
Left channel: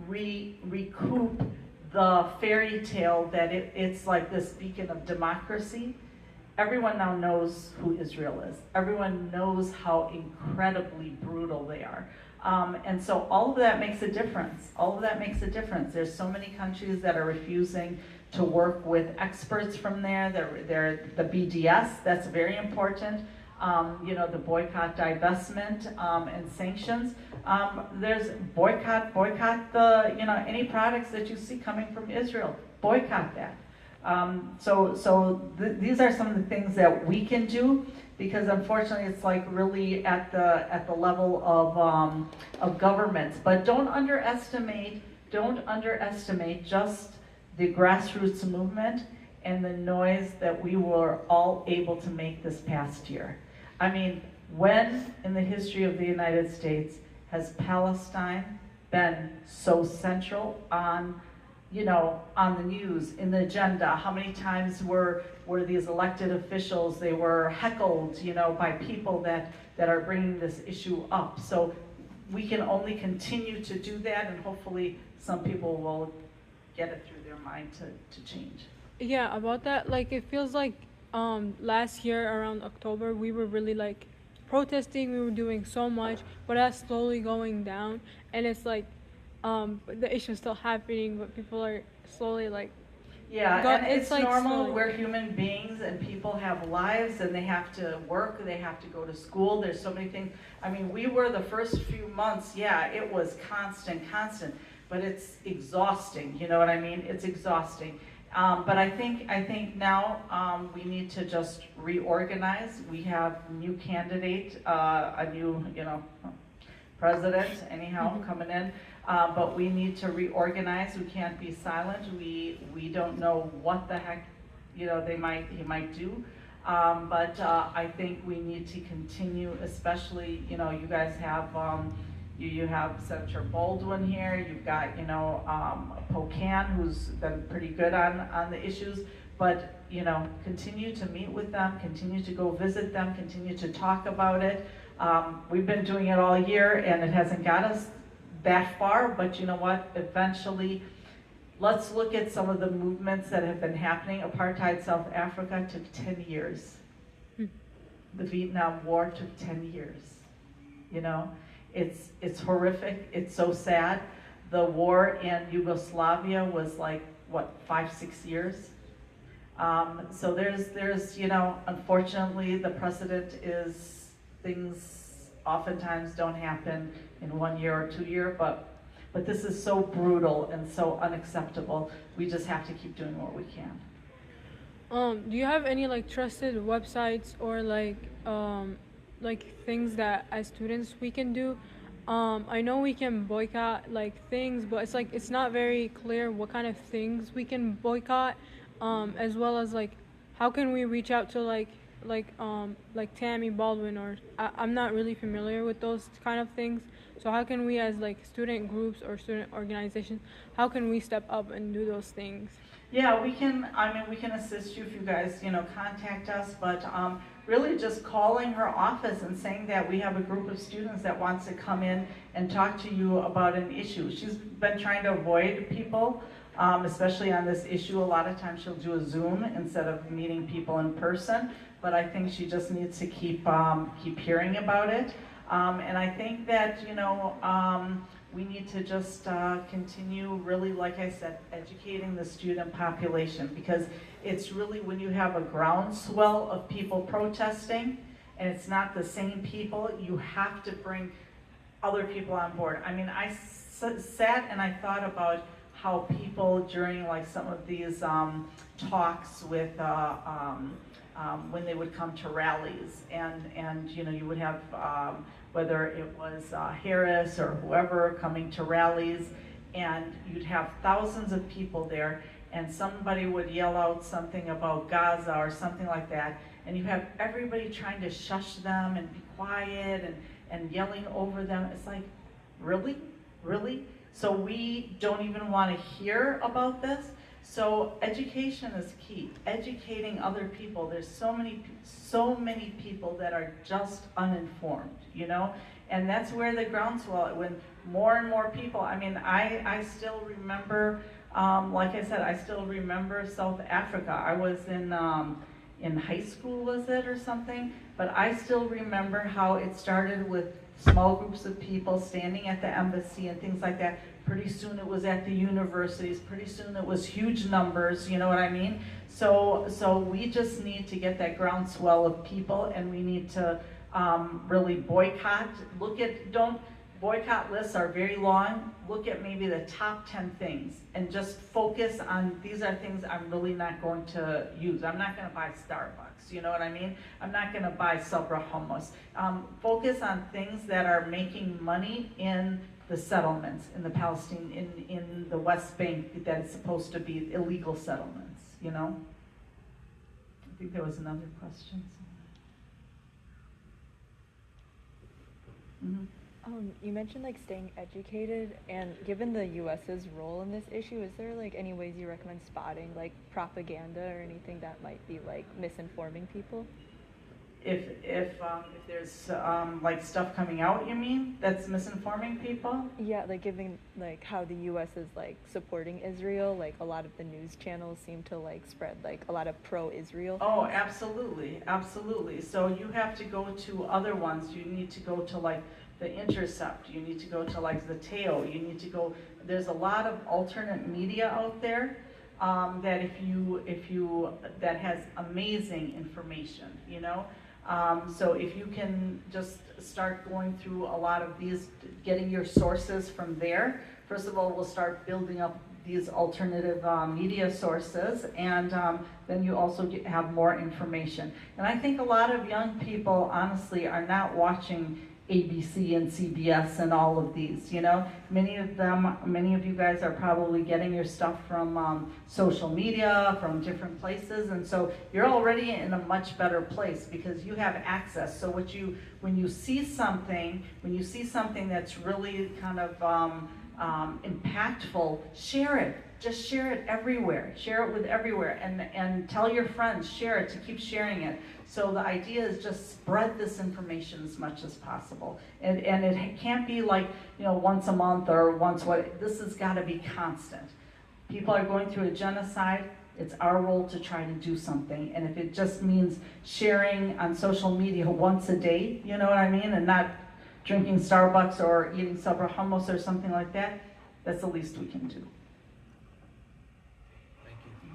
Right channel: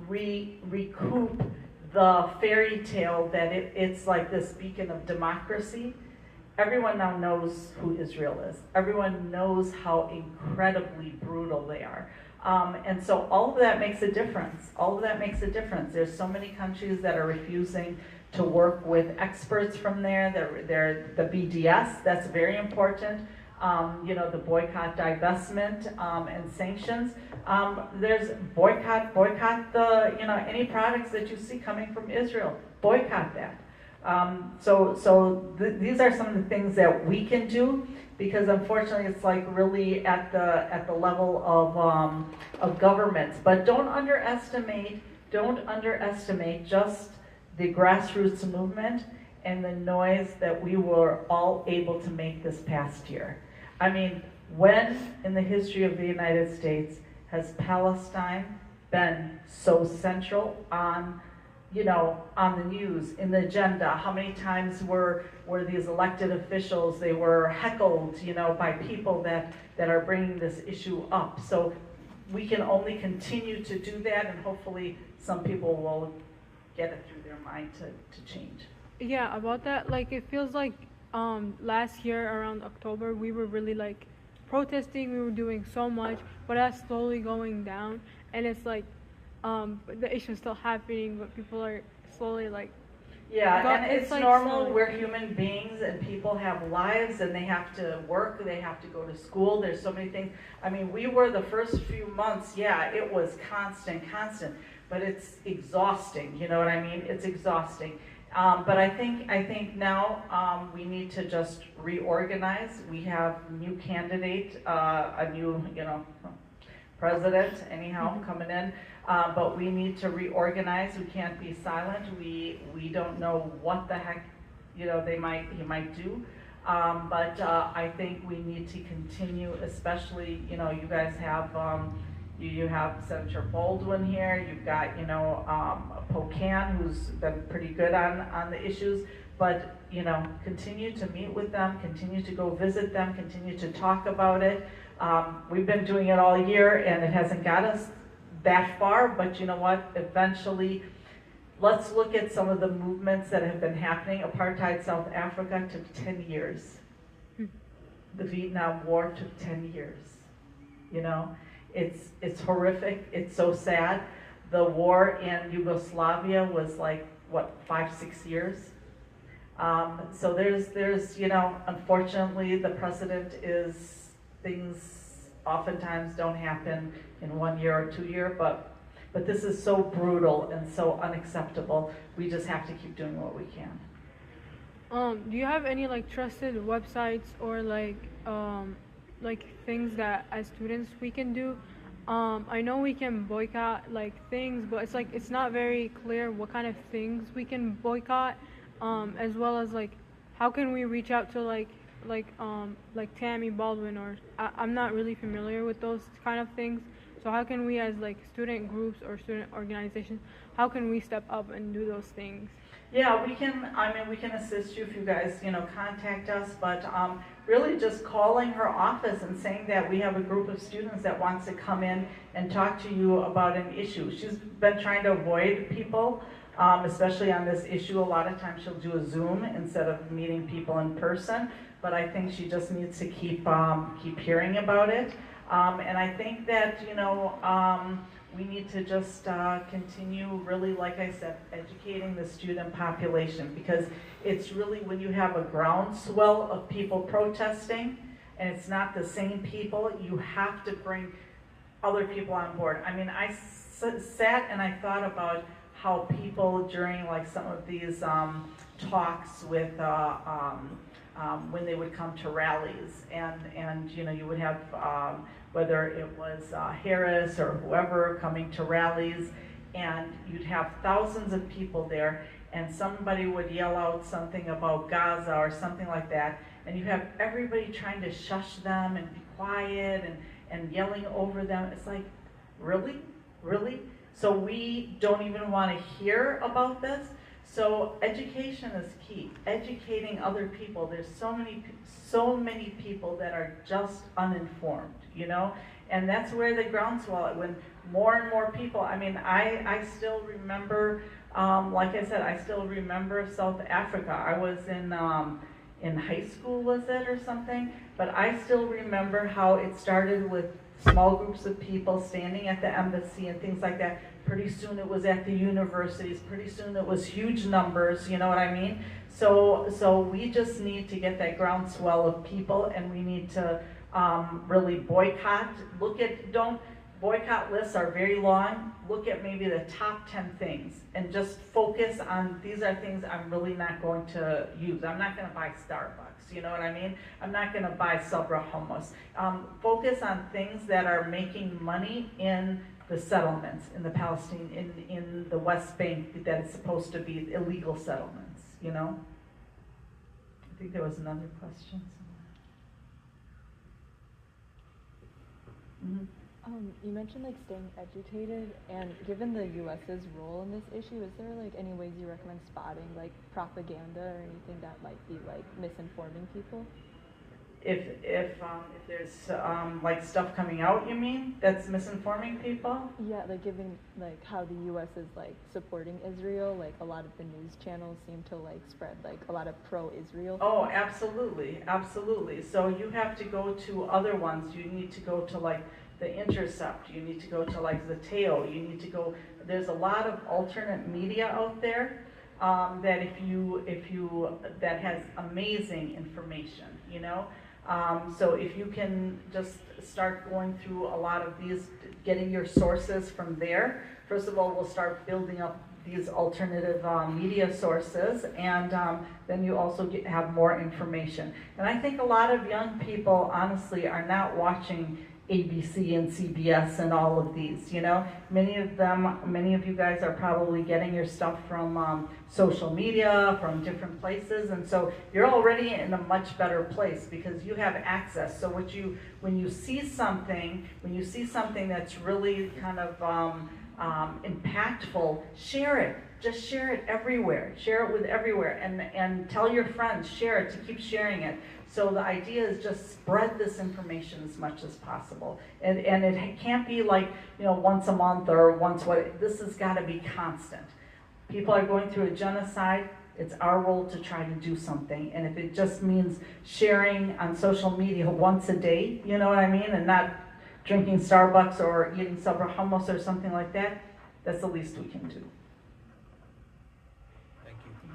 recoup the fairy tale that it's like this beacon of democracy. Everyone now knows who Israel is. Everyone knows how incredibly brutal they are. And so all of that makes a difference. All of that makes a difference. There's so many countries that are refusing to work with experts from there. They're the BDS, that's very important. The boycott, divestment, and sanctions. There's boycott the, any products that you see coming from Israel. Boycott that. These are some of the things that we can do, because unfortunately it's like really at the level of governments. But don't underestimate just the grassroots movement and the noise that we were all able to make this past year. I mean, when in the history of the United States has Palestine been so central on the news, in the agenda? How many times were these elected officials, they were heckled, by people that are bringing this issue up? So we can only continue to do that, and hopefully some people will get it through their mind to change. Yeah, about that, like, it feels like last year around October, we were really like protesting, we were doing so much, but that's slowly going down, and it's like the issue's still happening, but people are slowly like, and it's like normal. slowly. We're human beings, and people have lives, and they have to work, they have to go to school. There's so many things. I mean, we were the first few months, it was constant, but it's exhausting. You know what I mean? It's exhausting. But I think now we need to just reorganize. We have a new candidate, a new president anyhow coming in. But we need to reorganize. We can't be silent. We don't know what the heck he might do. But I think we need to continue, especially you guys have you have Senator Baldwin here. You've got Pocan, who's been pretty good on the issues. But continue to meet with them, continue to go visit them, continue to talk about it. We've been doing it all year, and it hasn't got us that far, but you know what, eventually, let's look at some of the movements that have been happening. Apartheid South Africa took 10 years. The Vietnam War took 10 years. You know, it's horrific, it's so sad. The war in Yugoslavia was like, what, 5-6 years? So there's, you know, unfortunately the precedent is things oftentimes don't happen in 1 year or 2 years, but this is so brutal and so unacceptable. We just have to keep doing what we can. Do you have any like trusted websites or like things that as students we can do? I know we can boycott like things, but it's like it's not very clear what kind of things we can boycott, as well as like how can we reach out to like Tammy Baldwin, or I'm not really familiar with those kind of things. So how can we as like student groups or student organizations, how can we step up and do those things? Yeah, we can, we can assist you if you guys, you know, contact us, but really just calling her office and saying that we have a group of students that wants to come in and talk to you about an issue. She's been trying to avoid people, especially on this issue. A lot of times she'll do a Zoom instead of meeting people in person, but I think she just needs to keep hearing about it. And I think that, you know, we need to just continue really, like I said, educating the student population, because it's really when you have a groundswell of people protesting and it's not the same people, you have to bring other people on board. I mean, I sat and I thought about how people during like some of these talks with when they would come to rallies, and you know, you would have whether it was Harris or whoever coming to rallies, and you'd have thousands of people there, and somebody would yell out something about Gaza or something like that, and you have everybody trying to shush them and be quiet and yelling over them. It's like, really? Really? So we don't even want to hear about this? So education is key. Educating other people. There's so many people that are just uninformed, you know? And that's where the groundswell, when more and more people, I mean, I still remember, like I said, I still remember South Africa. I was in high school, was it, or something? But I still remember how it started with small groups of people standing at the embassy and things like that. Pretty soon it was at the universities. Pretty soon it was huge numbers, you know what I mean? So we just need to get that groundswell of people, and we need to really boycott. Boycott lists are very long. Look at maybe the top 10 things and just focus on, these are things I'm really not going to use. I'm not going to buy Starbucks, you know what I mean? I'm not going to buy Sabra hummus. Focus on things that are making money in the settlements, in the Palestine, in the West Bank, that is supposed to be illegal settlements, you know? I think there was another question. Mm-hmm. You mentioned like staying educated, and given the U.S.'s role in this issue, is there like any ways you recommend spotting like propaganda or anything that might be like misinforming people? If there's like stuff coming out, you mean, that's misinforming people? Yeah, like giving like how the U.S. is like supporting Israel, like a lot of the news channels seem to like spread like a lot of pro-Israel. Oh, absolutely, absolutely. So you have to go to other ones. You need to go to like The Intercept. You need to go to like the Teo. You need to go. There's a lot of alternate media out there that that has amazing information. You know. So if you can just start going through a lot of these, getting your sources from there, first of all, we'll start building up these alternative media sources, and then you also have more information. And I think a lot of young people, honestly, are not watching ABC and CBS and all of these, you know. Many of you guys are probably getting your stuff from social media, from different places, and so you're already in a much better place because you have access. So when you see something that's really kind of impactful, share it. Just share it everywhere. Share it with everywhere, and tell your friends, share it, to keep sharing it. So the idea is just spread this information as much as possible. And it can't be like, once a month or once what, this has got to be constant. People are going through a genocide. It's our role to try to do something. And if it just means sharing on social media once a day, you know what I mean? And not drinking Starbucks or eating Sabra hummus or something like that, that's the least we can do. Thank you.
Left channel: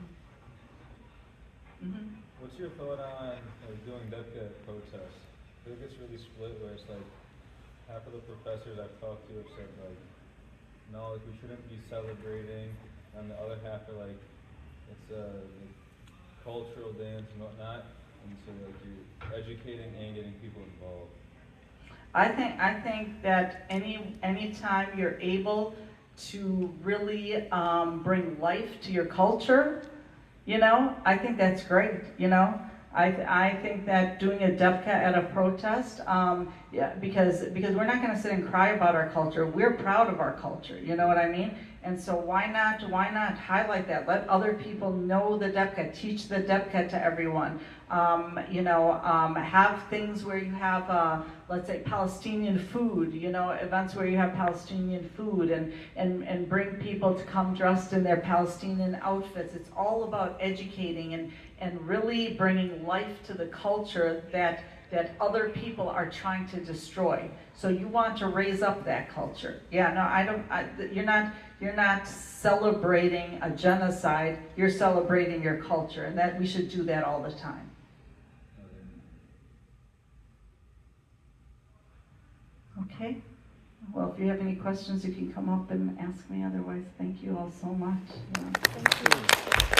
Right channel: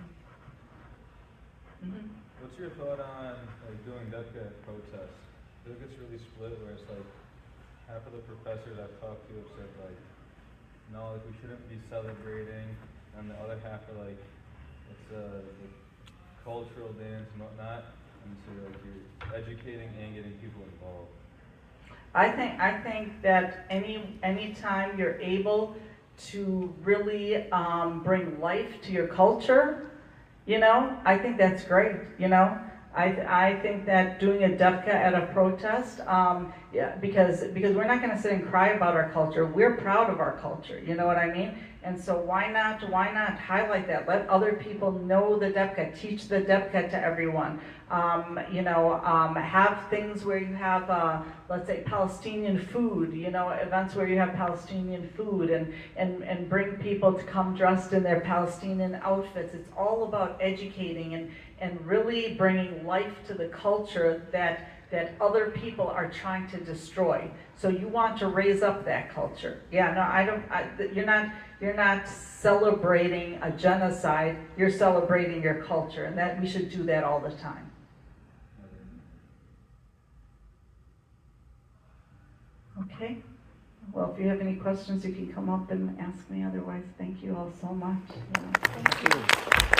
Mm-hmm. What's your thought on doing DEPCA protests? I think it's really split where it's like half of the professors I've talked to have said like, no, like we shouldn't be celebrating, and the other half are like, it's a cultural dance and whatnot, and so like you're educating and getting people involved. I think that any time you're able to really bring life to your culture, I think that's great. I think that doing a DEPCA at a protest, because we're not going to sit and cry about our culture. We're proud of our culture. You know what I mean? And so why not highlight that? Let other people know the DEPCA. Teach the DEPCA to everyone. Have things where you have, let's say, Palestinian food. Events where you have Palestinian food, and bring people to come dressed in their Palestinian outfits. It's all about educating and really bringing life to the culture that other people are trying to destroy. So you want to raise up that culture. Yeah, no, you're not celebrating a genocide, you're celebrating your culture, and that we should do that all the time. Okay. Well, if you have any questions, you can come up and ask me. Otherwise, thank you all so much. Yeah. Thank you.